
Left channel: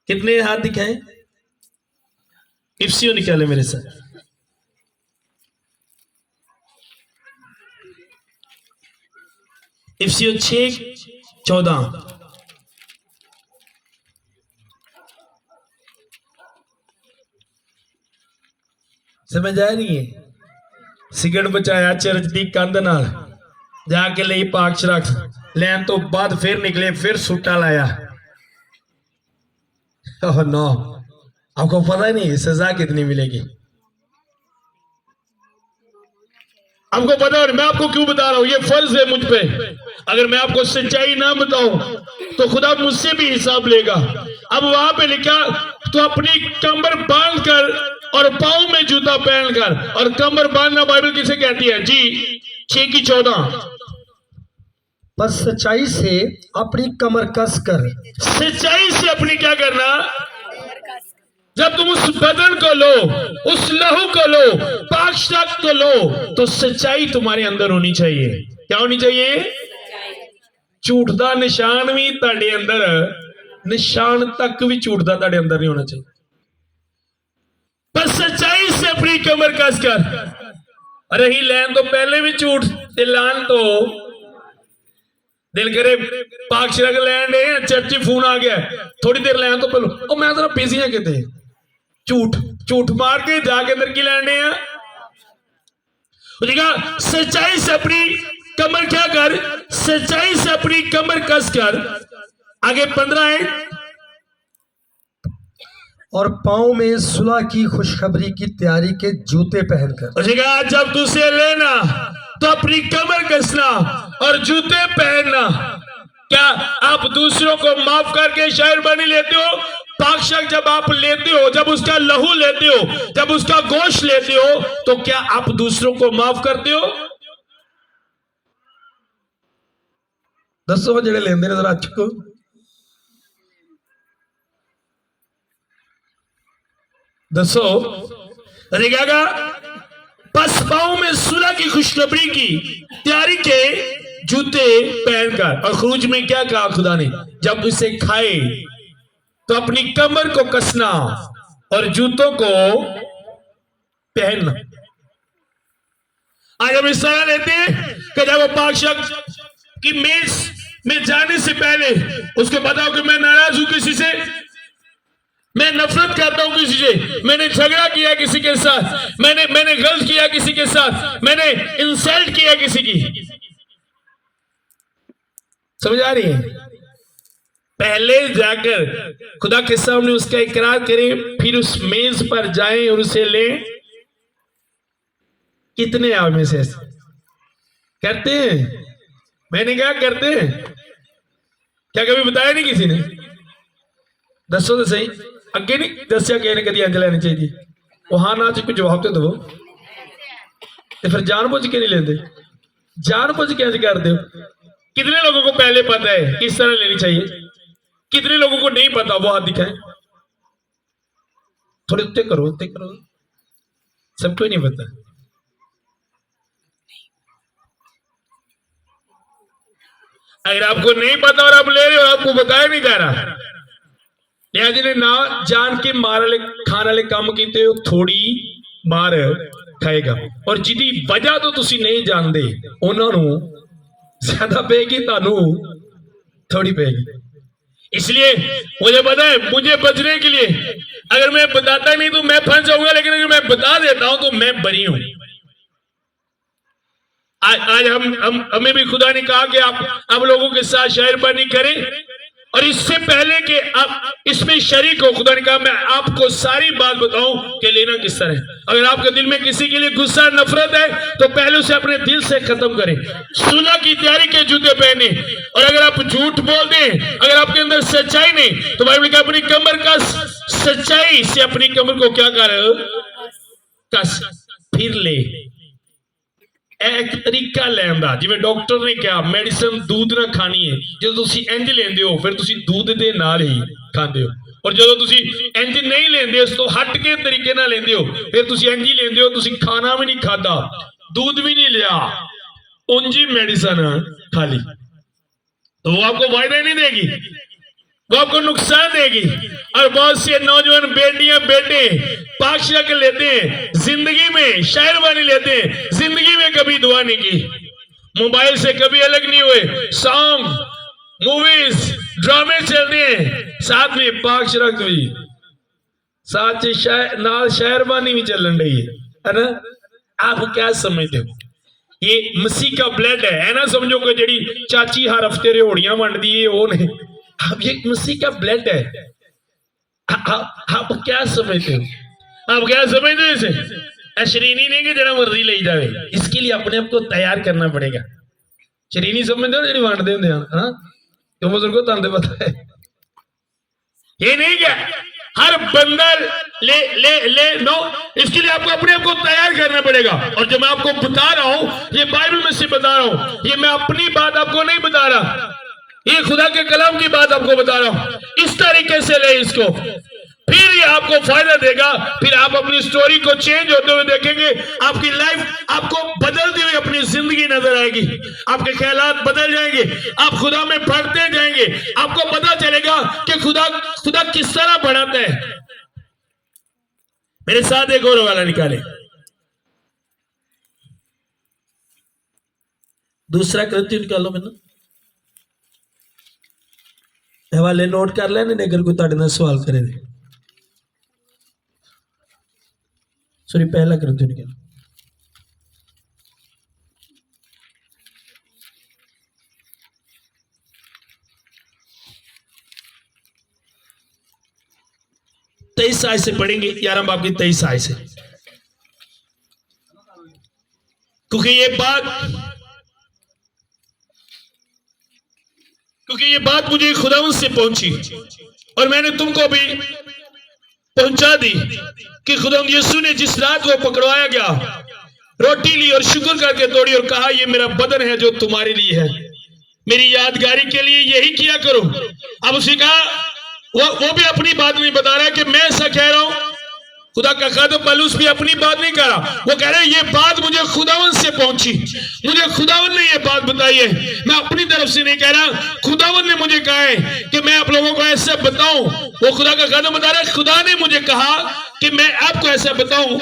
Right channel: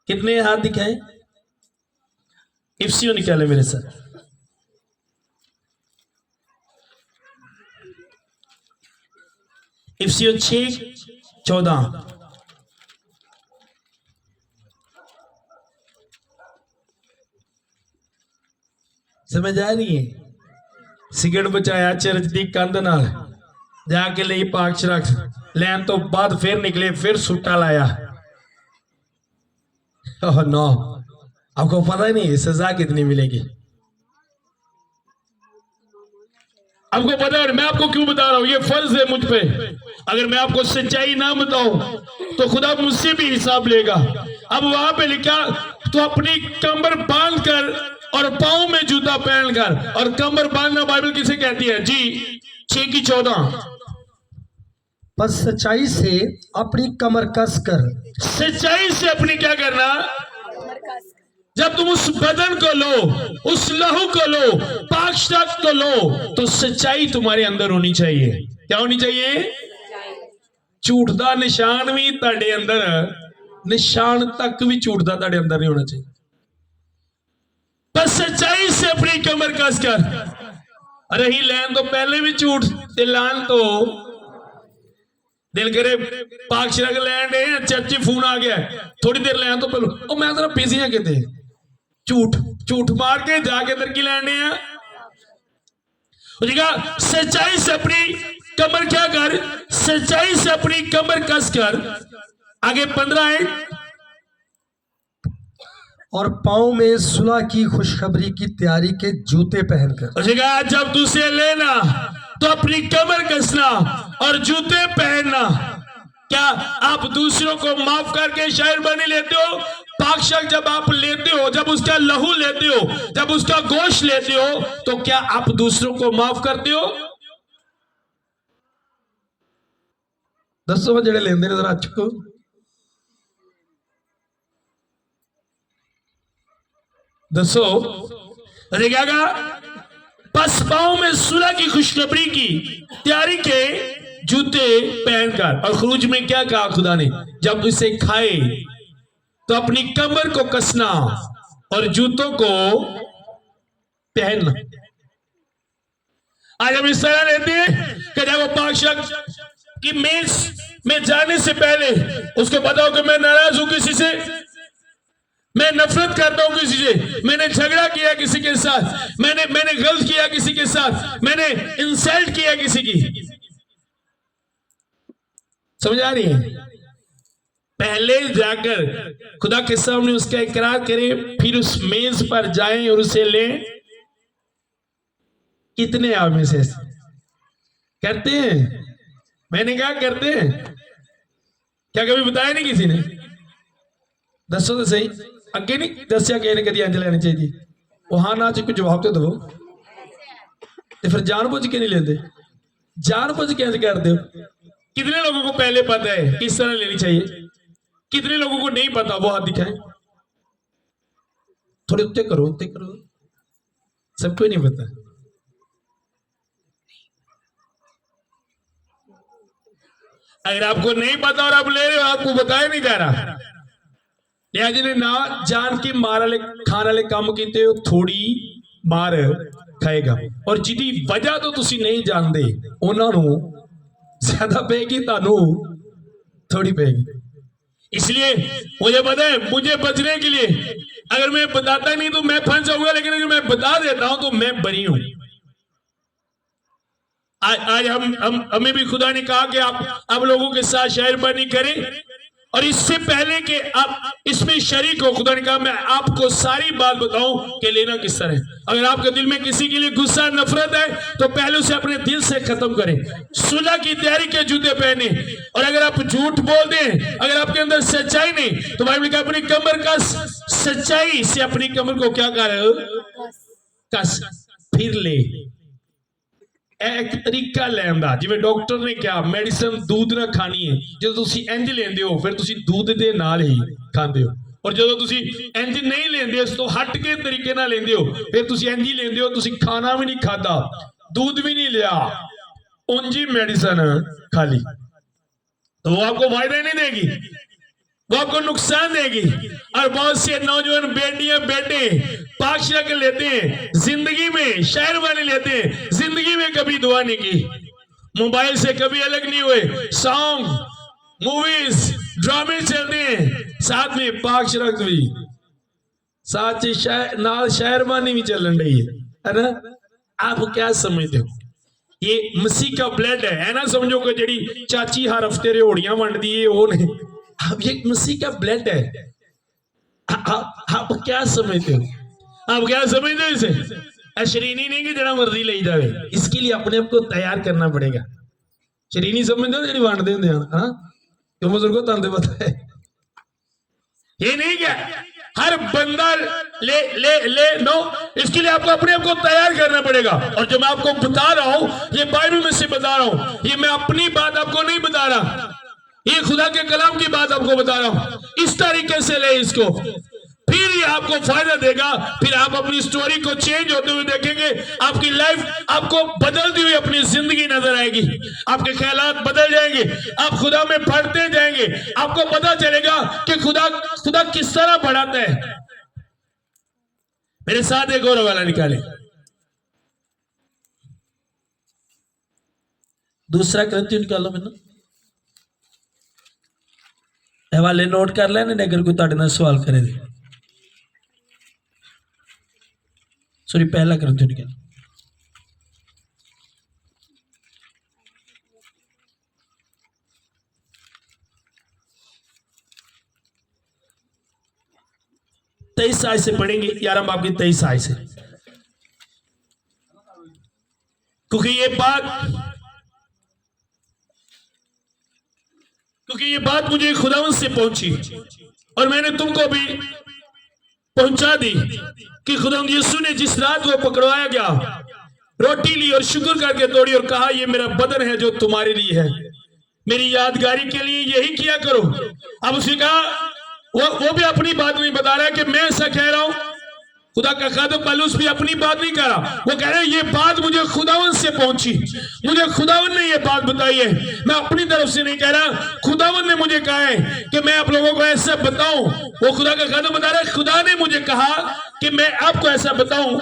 कितने हाथ दिखाए। इफ्सियों निकाले मेरे साथ। इफ्सियों 6:14। समझ आ रही है। सिगरट बचाया चरच दी कंध नाल जाके ले पाक शराब लैन तो बाद फिर निकले, फिर सूटा लाया। ओह नो, आपको पता ही नहीं सजा कितनी मिलेगी। आपको पता है, मैं आपको क्यों बता रहा हूं, ये फर्ज है मुझ पे। अगर मैं आपको सच्चाई ना बताऊं तो खुदा मुझसे भी हिसाब लेगा। अब वहां पे लिखा तो अपनी कमर बांध कर और पांव में जूता पहनकर, और कमर बांधना बाइबल किसे कहती है जी। 6:14। बस सच्चाई से अपनी कमर कस कर। सच्चाई से अपनी क्या करना, जब तुम उस बदन को लो, उस लहू को लो, पाक शराब को लो, तो सच्चाई तुम्हारे अंदर होनी चाहिए। क्या होनी चाहिए। झूठ दा निशान भी ताड़े अंदर, निशान तक भी झूठ दा ताड़े अंदर नहीं होना चाहिए। बस सच्चाई से अपनी कमर कस कर। रही लैन तो पहले भी झूठ लान तो दिल करे पाक शराब लैन है, चर्ची फोन आ गया थोड़ी देर लैन तो पहले मैं जरा बिजी हाँ किते, झूठ मार के जाके अंदर की लैंडे हैं। सच्चाई से अपनी कमर क्या कर, सच्चाई से अपनी कमर कस कर। आगे 15 है। और पांव में सुलह की खुशखबरी की तैयारी के जूते पहनकर। जब तुझसे लेना तो अपनी कमर कसना और जूते पहनना। क्या आप दूसरों को माफ करके शायर बने लेते हो। पाक शराब जब आप लेते हो, जब उसका लहू लेते हो, जब उसका गोश्त लेते हो, तो क्या आप दूसरों को माफ करते हो। दसो जेड़े लेंदे ने जरा चुको। दसो अरे क्या कहा, बस पाँव में सुलह की खुशखबरी की तैयारी के जूते पहनकर। और खरूज में क्या कहा खुदा ने, जब इसे खाए तो अपनी कमर को कसना और जूतों को पहनना। आज हम इस तरह लेते हैं कि जब वो पाक शख्स की मेज में जाने से पहले उसको पता हो कि मैं नाराज हूं किसी से, मैं नफरत करता हूं किसी से, मैंने झगड़ा किया किसी के साथ, मैंने गलत किया किसी के साथ, मैंने इंसल्ट किया किसी की। समझ आ रही है? पहले जाकर खुदा के सामने उसका इकरार करें, फिर उस मेज पर जाएं और उसे लें। कितने आप में से ऐसे करते हैं? मैंने क्या करते हैं? क्या कभी बताया नहीं किसी ने? दसो तो सही, अगे नहीं दसिया कि कभी अंज लेनी चाहिए। वो हाँ ना च जवाब तो दो, फिर जान बुझ के नहीं लेते, जान बुझ के अंज करते हो। कितने लोगों को पहले पता है किस तरह लेनी चाहिए, कितने लोगों को नहीं पता? वो हाथ दिखाएं, थोड़े उत्ते करो, उत्ते करो। सबको नहीं पता। अगर आपको नहीं पता और आप ले रहे हो, आपको बताया नहीं जा रहा, लिहाजा ने ना जान के मार वाले खाने वाले काम किए हो, थोड़ी मार खाएगा। और जिदी वजह तो तुसी नहीं जानते उन्होंने ज्यादा पेगी, तानू थोड़ी पेगी। इसलिए मुझे पता है, मुझे बचने के लिए अगर मैं बताता नहीं तो मैं फंस जाऊंगा, लेकिन अगर मैं बता देता हूं तो मैं बरी हूं। आज हमें भी खुदा ने कहा कि आप लोगों के साथ शायरबानी करें, और इससे पहले कि आप इसमें शरीक हो, खुदा ने कहा मैं आपको सारी बात बताऊं कि लेना किस तरह है। अगर आपके दिल में किसी के लिए गुस्सा नफरत है तो पहले उसे अपने दिल से खत्म करें, सुलह की तैयारी के जूते पहने। और अगर आप झूठ बोल दें, अगर आपके अंदर सच्चाई नहीं, तो बाइबल का अपनी कमर का सच्चाई से अपनी कमर को क्या कर कस, फिर ले। एक तरीका लैन दा, जिवें डॉक्टर ने कहा मेडिसिन दूध ना खानी है, जो तुसी इंज लेंदे हो फिर तुसी दूध दे नाल ही खांदे हो, और जो तुसी इंज नहीं लेंदे उस तो हट के तरीके ना लेंदे हो फिर तुसी इंज ही लेंदे हो। तुसी खाना भी नहीं खाता, दूध भी नहीं लिया, उंजी मेडिसिन खा ली, तो वो आपको फायदा ही नहीं देगी, वो आपको नुकसान देगी। और बहुत से नौजवान बेटियां बेटे पाकशिला के लेते हैं, जिंदगी में शायरबानी लेते हैं, जिंदगी में कभी दुआ नहीं की, मोबाइल से कभी अलग नहीं हुए, सॉन्ग मूवीज ड्रामे चलते हैं, साथ में पाकशिला भी साथ नाल शायरबानी भी चलन रही है ना। आप क्या समझते हो? ये मसीह का ब्लड है ना, समझो कि जेड़ी चाची हर हफ्ते रेहड़ियां वंडदी है वो नहीं, अब ये मसीह का ब्लड है। आप क्या समझते हो? आप क्या समझते हो? इसे शरीनी नहीं कि जरा मर्जी ले जाए, इसके लिए अपने आप को तैयार करना पड़ेगा। शरीनी समझते हो जी बांटते होंगे, हाँ क्यों बुजुर्गों तुम पता है, ये नहीं क्या हर बंदा ले ले ले नो, इसके लिए आपको अपने आप को तैयार करना पड़ेगा। और जो मैं आपको बता रहा हूं ये बाइबल में से बता रहा हूं, ये मैं अपनी बात आपको नहीं बता रहा, ये खुदा के कलाम की बात आपको बता रहा हूं। इस तरीके से ले इसको, फिर ये आपको फायदा देगा, फिर आप अपनी स्टोरी को चेंज होते हुए देखेंगे, आपकी लाइफ आपको बदलती हुई अपनी जिंदगी नजर आएगी, आपके ख्यालात बदल जाएंगे, आप खुदा में बढ़ते जाएंगे, आपको पता चलेगा कि खुदा किस तरह बढ़ाता है। मेरे साथ एक और वाला निकाले, दूसरा कृत्य निकालो, मैंने हवाले नोट कर लेने अगर कोई तुहाडे नाल सवाल करे। सॉरी पहला कृत्य निकालो, तेईस आय से पढ़ेंगे, 11 बाब की 23 आय से, क्योंकि ये बात मुझे खुदावंद से पहुंची और मैंने तुमको भी पहुंचा दी कि खुदावंद यीशु ने जिस रात को पकड़वाया गया रोटी ली और शुक्र करके तोड़ी और कहा ये मेरा बदन है जो तुम्हारे लिए है, मेरी यादगारी के लिए यही किया करो। अब उसी कहा वो भी अपनी बात नहीं बता रहा कि मैं ऐसा कह रहा हूं, खुदा का खादिम पौलुस भी अपनी बात नहीं कर रहा, वो कह रहे हैं ये बात मुझे खुदावन से पहुंची, मुझे खुदावन ने ये बात बताई है, मैं अपनी तरफ से नहीं कह रहा, खुदावन ने मुझे कहा है कि मैं आप लोगों को ऐसे बताऊं। वो खुदा का खादिम बता रहा है, खुदा ने मुझे कहा कि मैं आपको ऐसा बताऊं,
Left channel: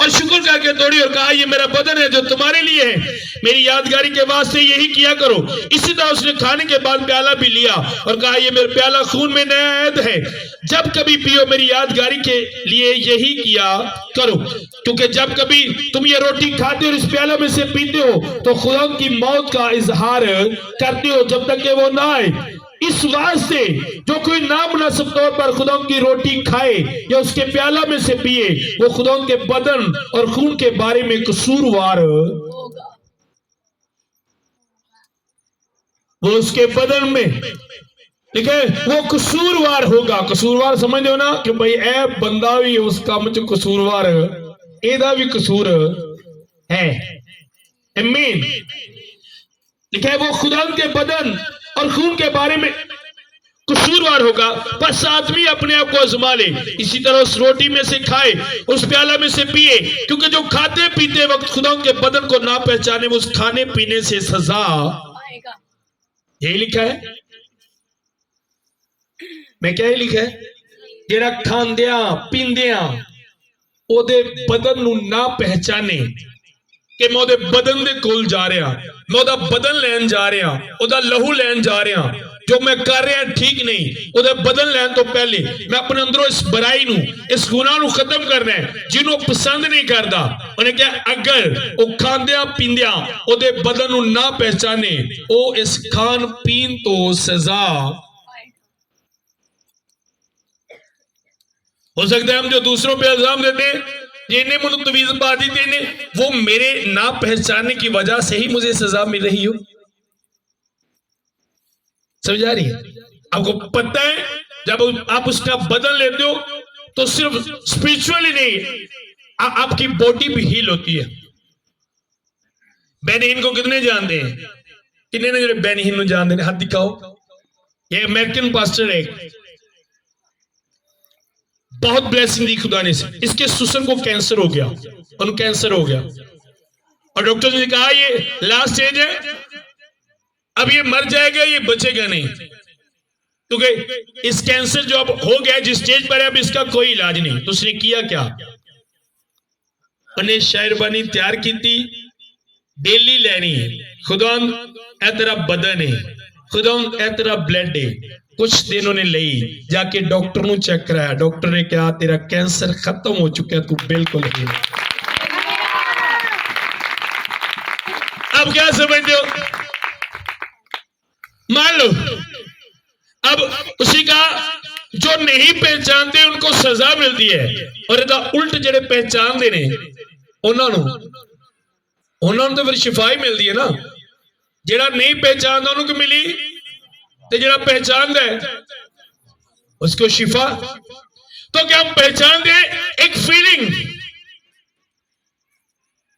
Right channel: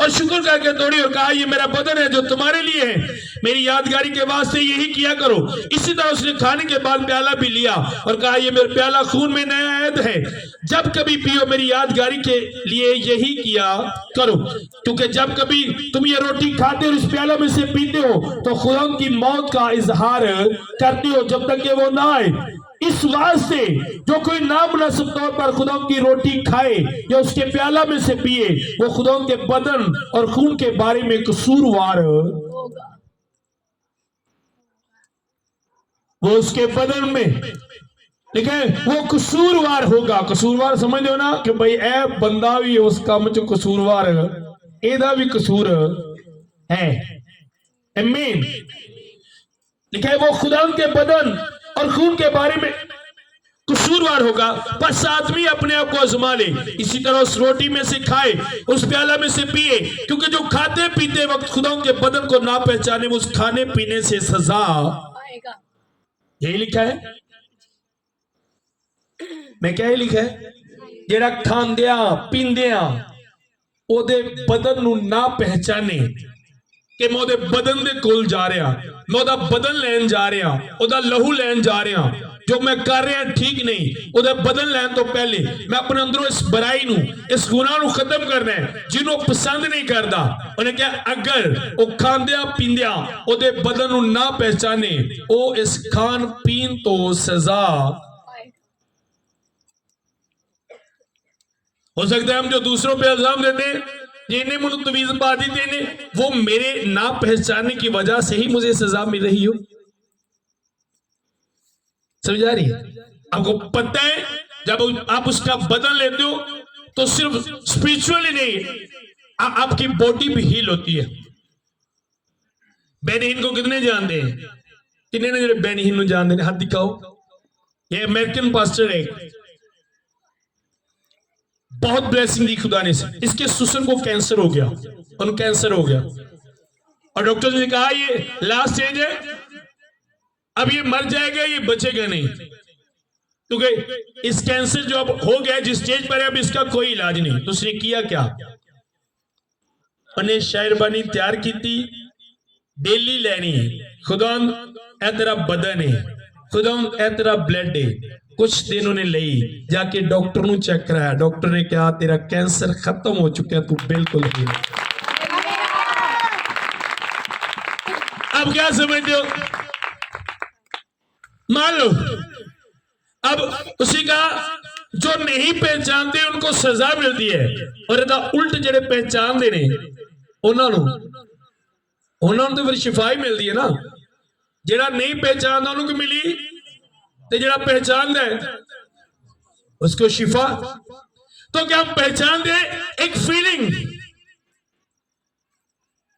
और शुक्र करके तोड़ी और कहा ये मेरा बदन है जो तुम्हारे लिए है, मेरी यादगारी के वास्ते यही किया करो। इसी तरह उसने खाने के बाद प्याला भी लिया और कहा ये मेरा प्याला खून में नया ऐद है, जब कभी पियो मेरी यादगारी के लिए यही किया करो। क्योंकि जब कभी तुम ये रोटी खाते हो इस प्याला में से पीते हो तो खुदा की मौत का इजहार करते हो जब तक कि वो ना आए। इस वास्ते जो कोई नामुनासिब तौर पर खुदा की रोटी खाए या उसके प्याला में से पिए वो खुदा के बदन और खून के बारे में कसूरवार होगा। वो उसके बदन में, ठीक है, वो कसूरवार होगा। कसूरवार समझ लो ना कि भाई ए बंदा भी उस काम च कसूरवार, एदा भी कसूर है। आमीन। ठीक है, वो खुदा के बदन और खून के बारे में कसूरवार होगा। बस आदमी अपने आप को आजमा ले, इसी तरह उस रोटी में से खाए, उस प्याला में से पिए, क्योंकि जो खाते पीते वक्त खुदा के बदन को ना पहचाने उस खाने पीने से सजा आएगा। यही लिखा है। मैं क्या ही लिखा है, जेड़ा खांदिया पींदिया ओदे बदन नू ना पहचाने कि मैं ओदे बदन दे कोल जा रहा, मैं ओदा बदन लैन जा रहा, ओदा लहू लैन जा रहा, जो मैं कर रहा ठीक नहीं, ओदा बदन लैन तो पहले मैं अपने अंदरों इस बुराई नू, इस गुनाह नू खत्म करना है जिन्हों पसंद नहीं करता। उन्हें क्या, अगर वो खांदिया पींदिया ओदे बदन नू ना पहचाने ओ इस खान पीन तो सजा। हो सकता है हम जो दूसरों पे इल्जाम देते हैं, जिन्हें मुझे तवीज पा दी थी, वो मेरे ना पहचानने की वजह से ही मुझे सजा मिल रही हो। समझ आ रही है? आपको पता है जब आप उसका बदल लेते हो तो सिर्फ स्पिरिचुअली नहीं, आपकी बॉडी भी हील होती है। बेनिहिन को कितने जानते हैं? कितने ने जो बेनिहिन को जानते हैं? हाथ दिखाओ। ये अमेरिकन पास्टर है, बहुत ब्लेसिंग दी खुदा ने से। इसके सुसन को कैंसर हो गया, उनको कैंसर हो गया और डॉक्टर ने कहा ये लास्ट स्टेज है, अब ये मर जाएगा, ये बचेगा नहीं, क्योंकि इस कैंसर जो अब हो गया जिस स्टेज पर है अब इसका कोई इलाज नहीं। तो उसने किया क्या, उन्हें शायरबानी तैयार की थी, डेली लेनी, खुदा ए तेरा बदन है, खुदा ए तेरा ब्लड है। कुछ दिन उन्हें ली, जाके डॉक्टर ने चेक कराया, डॉक्टर ने कहा तेरा कैंसर खत्म हो चुका है, तू बिल्कुल है। अब क्या समझते हो? मान लो अब उसी का जो नहीं पहचानते उनको सजा मिलती है, और इदा उल्ट जेड़े पहचानते ने उन्होंने तो फिर शिफाई मिलती है ना। जेड़ा नहीं पहचानता उनको मिली, तो जेड़ा पहचानता है उसको शिफा। तो क्या हम पहचानते एक फीलिंग,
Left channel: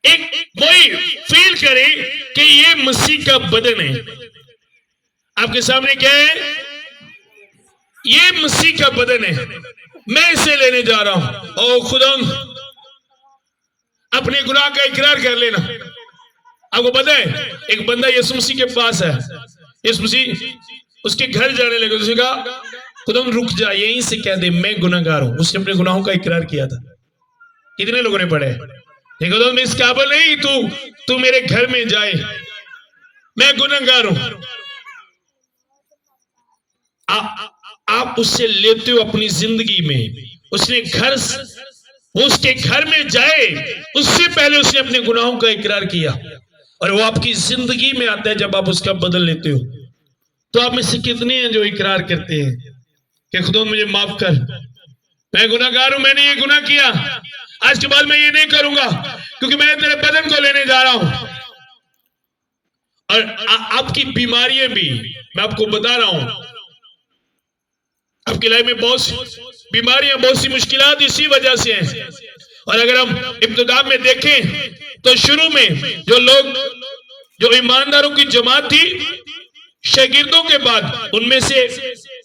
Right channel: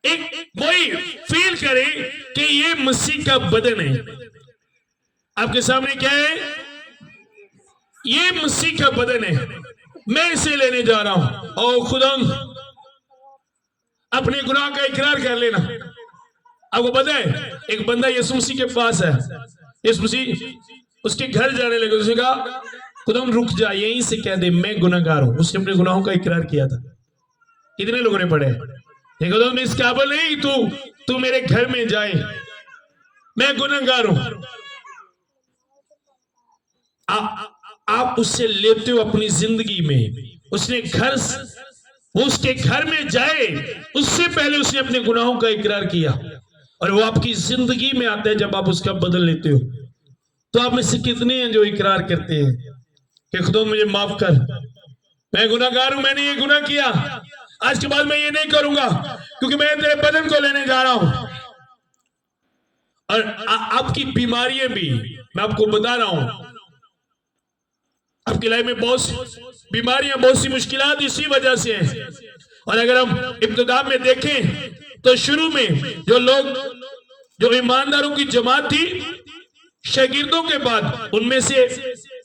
एक वही फील करें कि ये मसीह का बदन है। आपके सामने क्या है? ये मसीह का बदन है, मैं इसे लेने जा रहा हूं। ओ खुदा, अपने गुनाह का इकरार कर लेना। आपको पता है एक बंदा यीशु मसीह के पास है, यीशु मसीह उसके घर जाने लगे, उसने कहा खुदा रुक जा, यहीं से कह दे मैं गुनाहगार हूं। उसने अपने गुनाहों का इकरार किया था। कितने लोगों ने पढ़े? खुदा मैं इस काबिल नहीं, तू मेरे घर में जाए, मैं गुनाहगार हूं। आप उससे लेते हो अपनी जिंदगी में। उसने उसके घर में जाए उससे पहले उसने अपने गुनाहों का इकरार किया, और वो आपकी जिंदगी में आता है जब आप उसका बदल लेते हो। तो आप में से कितने हैं जो इकरार करते हैं कि खुदा मुझे माफ कर, मैं गुनाहगार हूं, मैंने ये गुनाह किया, आज के बाद मैं ये नहीं करूंगा क्योंकि मैं तेरे बदन को लेने जा रहा हूं। और आपकी बीमारियां भी मैं आपको बता रहा हूं, आपकी लाइफ में बहुत सी बीमारियां, बहुत सी मुश्किलात इसी वजह से हैं। और अगर हम इब्तिदा में देखें तो शुरू में जो लोग, जो ईमानदारों की जमात थी, शागिर्दों के बाद उनमें से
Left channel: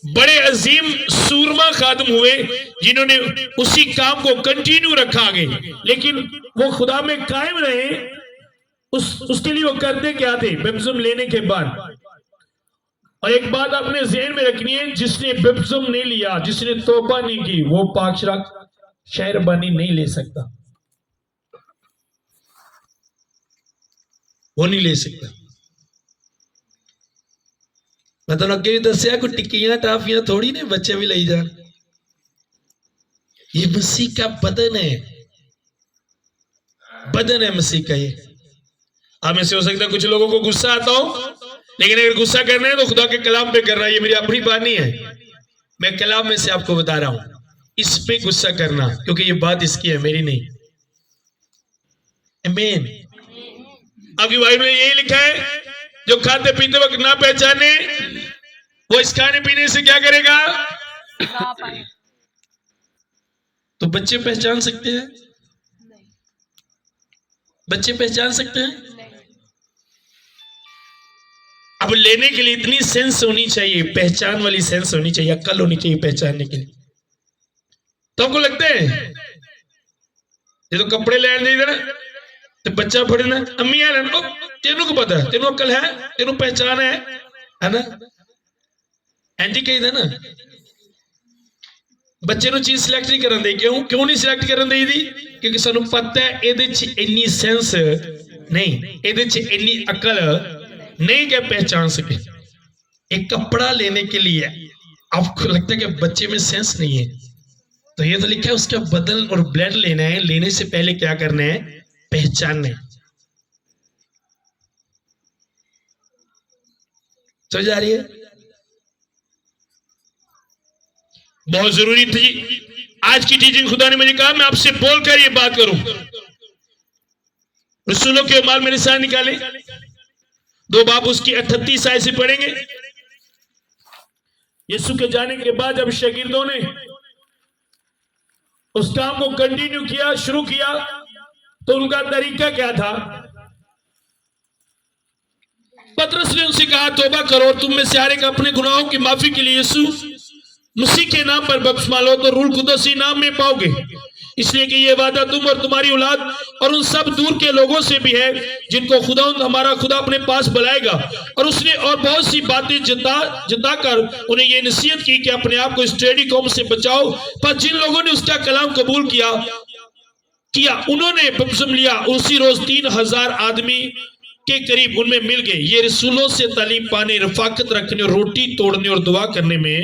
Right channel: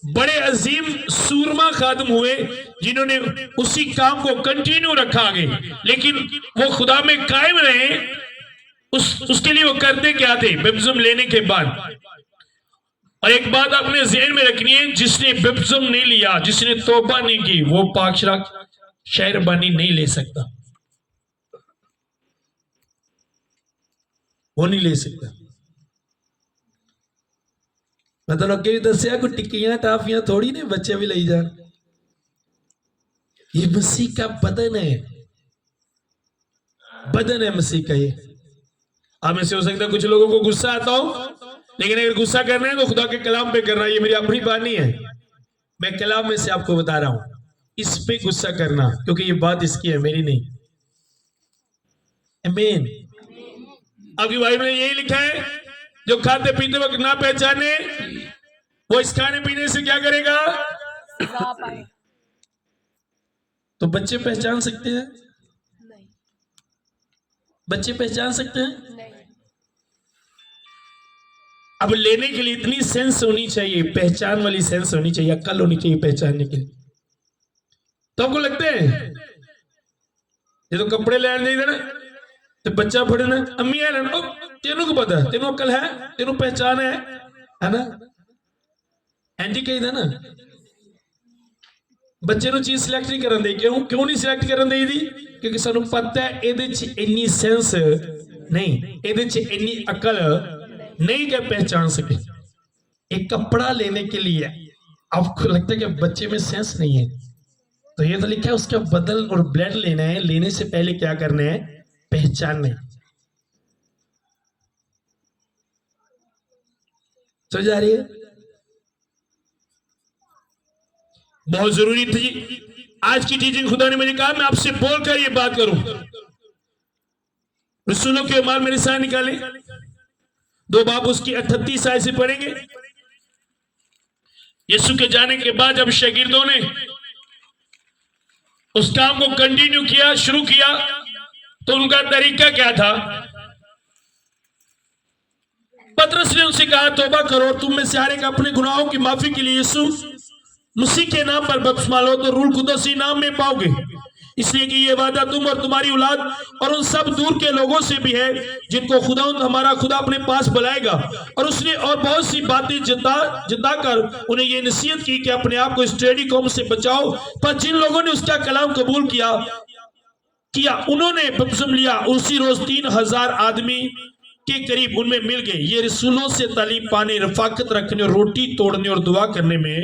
बड़े अजीम सूरमा खादिम हुए जिन्होंने उसी काम को कंटिन्यू रखा आगे, लेकिन वो खुदा में कायम रहे। उसके लिए वो करते क्या थे बपतिस्म लेने के बाद। और एक बात आपने ज़हन में रखनी है, जिसने बपतिस्म नहीं लिया, जिसने तौबा नहीं की, वो पाक शहरबानी नहीं ले सकता, वो नहीं ले सकता। मतलब अगे भी दसिया कोई टिक्कियां टाफियां थोड़ी ने बच्चे भी लाई जान। ये मसीह का बदन है, बदन है मसीह का। ये आप में से हो सकता है कुछ लोगों को गुस्सा आता हो, लेकिन अगर गुस्सा करना है तो खुदा के कलाम पे करना है। ये मेरी अपनी बात नहीं है, मैं कलाम में से आपको बता रहा हूं, इस पे गुस्सा करना, क्योंकि ये बात इसकी है, मेरी नहीं। आमीन। आपकी बाइबल में यही लिखा है, जो खाते पीते वक्त ना पहचाने वो इस खाने पीने से क्या करेगा। तो बच्चे पहचान सकते हैं, बच्चे पहचान सकते हैं। अब लेने के लिए इतनी सेंस होनी चाहिए, पहचान वाली सेंस होनी चाहिए, अक्ल होनी चाहिए पहचानने के लिए। तो आपको लगता है ये तो कपड़े लेने नहीं देना तो बच्चा फड़े ना अम्मी आ तेनों को पता है, तेनों अक्ल है, तेनों पहचान है ना। एंटी कही था ना, बच्चे चीज सिलेक्ट नहीं करन दे। क्यों नहीं सिलेक्ट करन दे दी? क्योंकि सानू पता है ये इन्नी सेंस नहीं, ये इन्नी अकल नहीं क्या पहचान सके। एक कपड़ा लेने के लिए आपको लगता है कि बच्चे में सेंस नहीं है, तो ये तो लिखा है उसका बदन और ब्लड लेना है। लेने से पहले क्या करना है? पहचानना है। समझ आ रही है? बहुत जरूरी थी आज की टीचिंग। खुदा ने मुझे कहा मैं आपसे बोलकर ये बात करूं। रसूलों के माल मेरे साथ निकाले, 2 बाब उसकी 38 आयत से पढ़ेंगे। यीशु के जाने के बाद जब शागिर्दों ने उस काम को कंटिन्यू किया, शुरू किया, तो उनका तरीका क्या था? पतरस ने उनसे कहा तौबा करो, तुम में से हर एक अपने गुनाहों की माफी के लिए यीशु मसीह के नाम पर बपतिस्मा लो तो रूह कुदस नाम में पाओगे, इसलिए कि ये वादा तुम और तुम्हारी औलाद और उन सब दूर के लोगों से भी है जिनको खुदा हमारा खुदा अपने पास बुलाएगा। और उसने और बहुत सी बातें जताकर उन्हें ये नसीहत की कि अपने आप को स्टेडी कौम से बचाओ। पर जिन लोगों ने उसका कलाम कबूल किया उन्होंने बपतिस्मा लिया, उसी रोज 3000 आदमी के करीब उनमें मिल गए। ये रसूलों से तालीम पाने, रफाकत रखने, रोटी तोड़ने और दुआ करने में,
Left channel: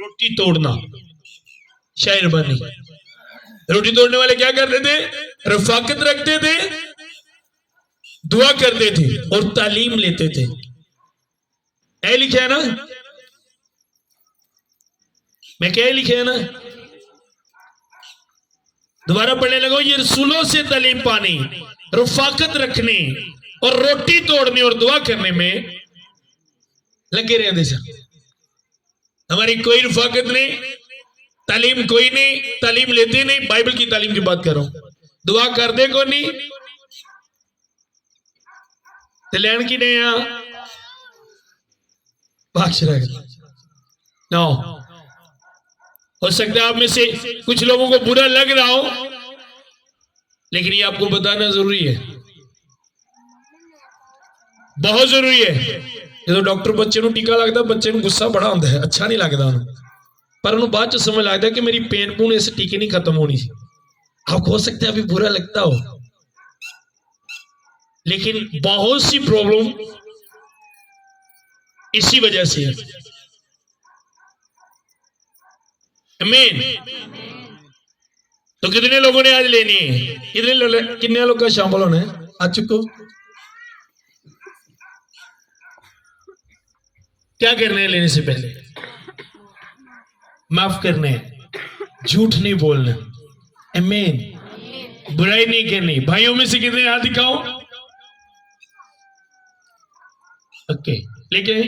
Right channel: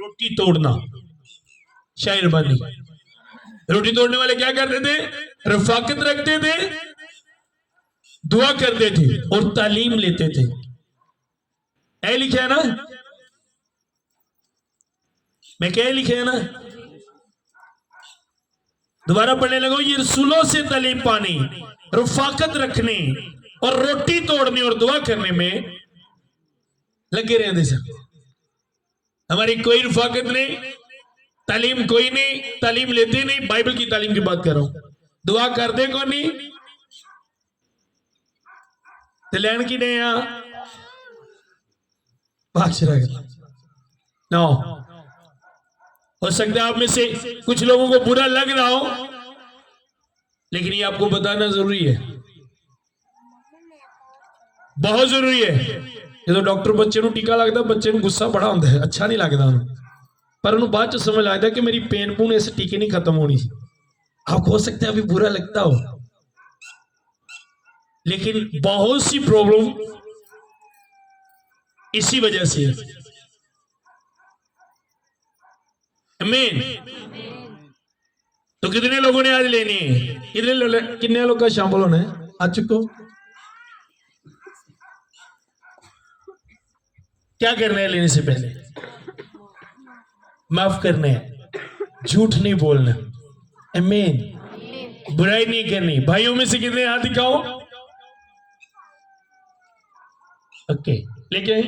रोटी तोड़ना शायरबानी। रोटी तोड़ने वाले क्या करते थे? रफाकत रखते थे, दुआ करते थे और तालीम लेते थे। ऐ लिखे है ना, मैं क्या लिखे है ना, दोबारा पढ़ने लगो। ये रसूलों से तालीम पानी, रफाकत रखने और रोटी तोड़ने और दुआ करने में लगे रहते सर। हमारी कोई रफाकत नहीं, तालीम कोई नहीं, तालीम लेते नहीं। बाइबल की तालीम की बात कर रहा हूं। दुआ करते को नहीं, लैंड की नहीं नो। हो सकता है आप में से कुछ लोगों को बुरा लग रहा हो, लेकिन ये आपको बताना जरूरी है, बहुत जरूरी है। जो डॉक्टर बच्चे को टीका लगता, बच्चे को गुस्सा बड़ा आता है, अच्छा नहीं लगता, पर उन्होंने बाद च समझ लगता कि मेरी पेन पून इस टीके नहीं खत्म होनी। आपको हो सकता है अभी बुरा लगता हो, लेकिन बहुत सी प्रॉब्लम इसी वजह से है। आमीन। तो कितने लोगों ने आज लेनी है? कितने लोग का शामिल होना है? आज चुको क्या करना है? लेने से पहले माफ करना है, झूठ नहीं बोलना, आमीन, बुराई नहीं करनी। भाइयों में से कितने हाथ दिखाओ? ओके, लेकिन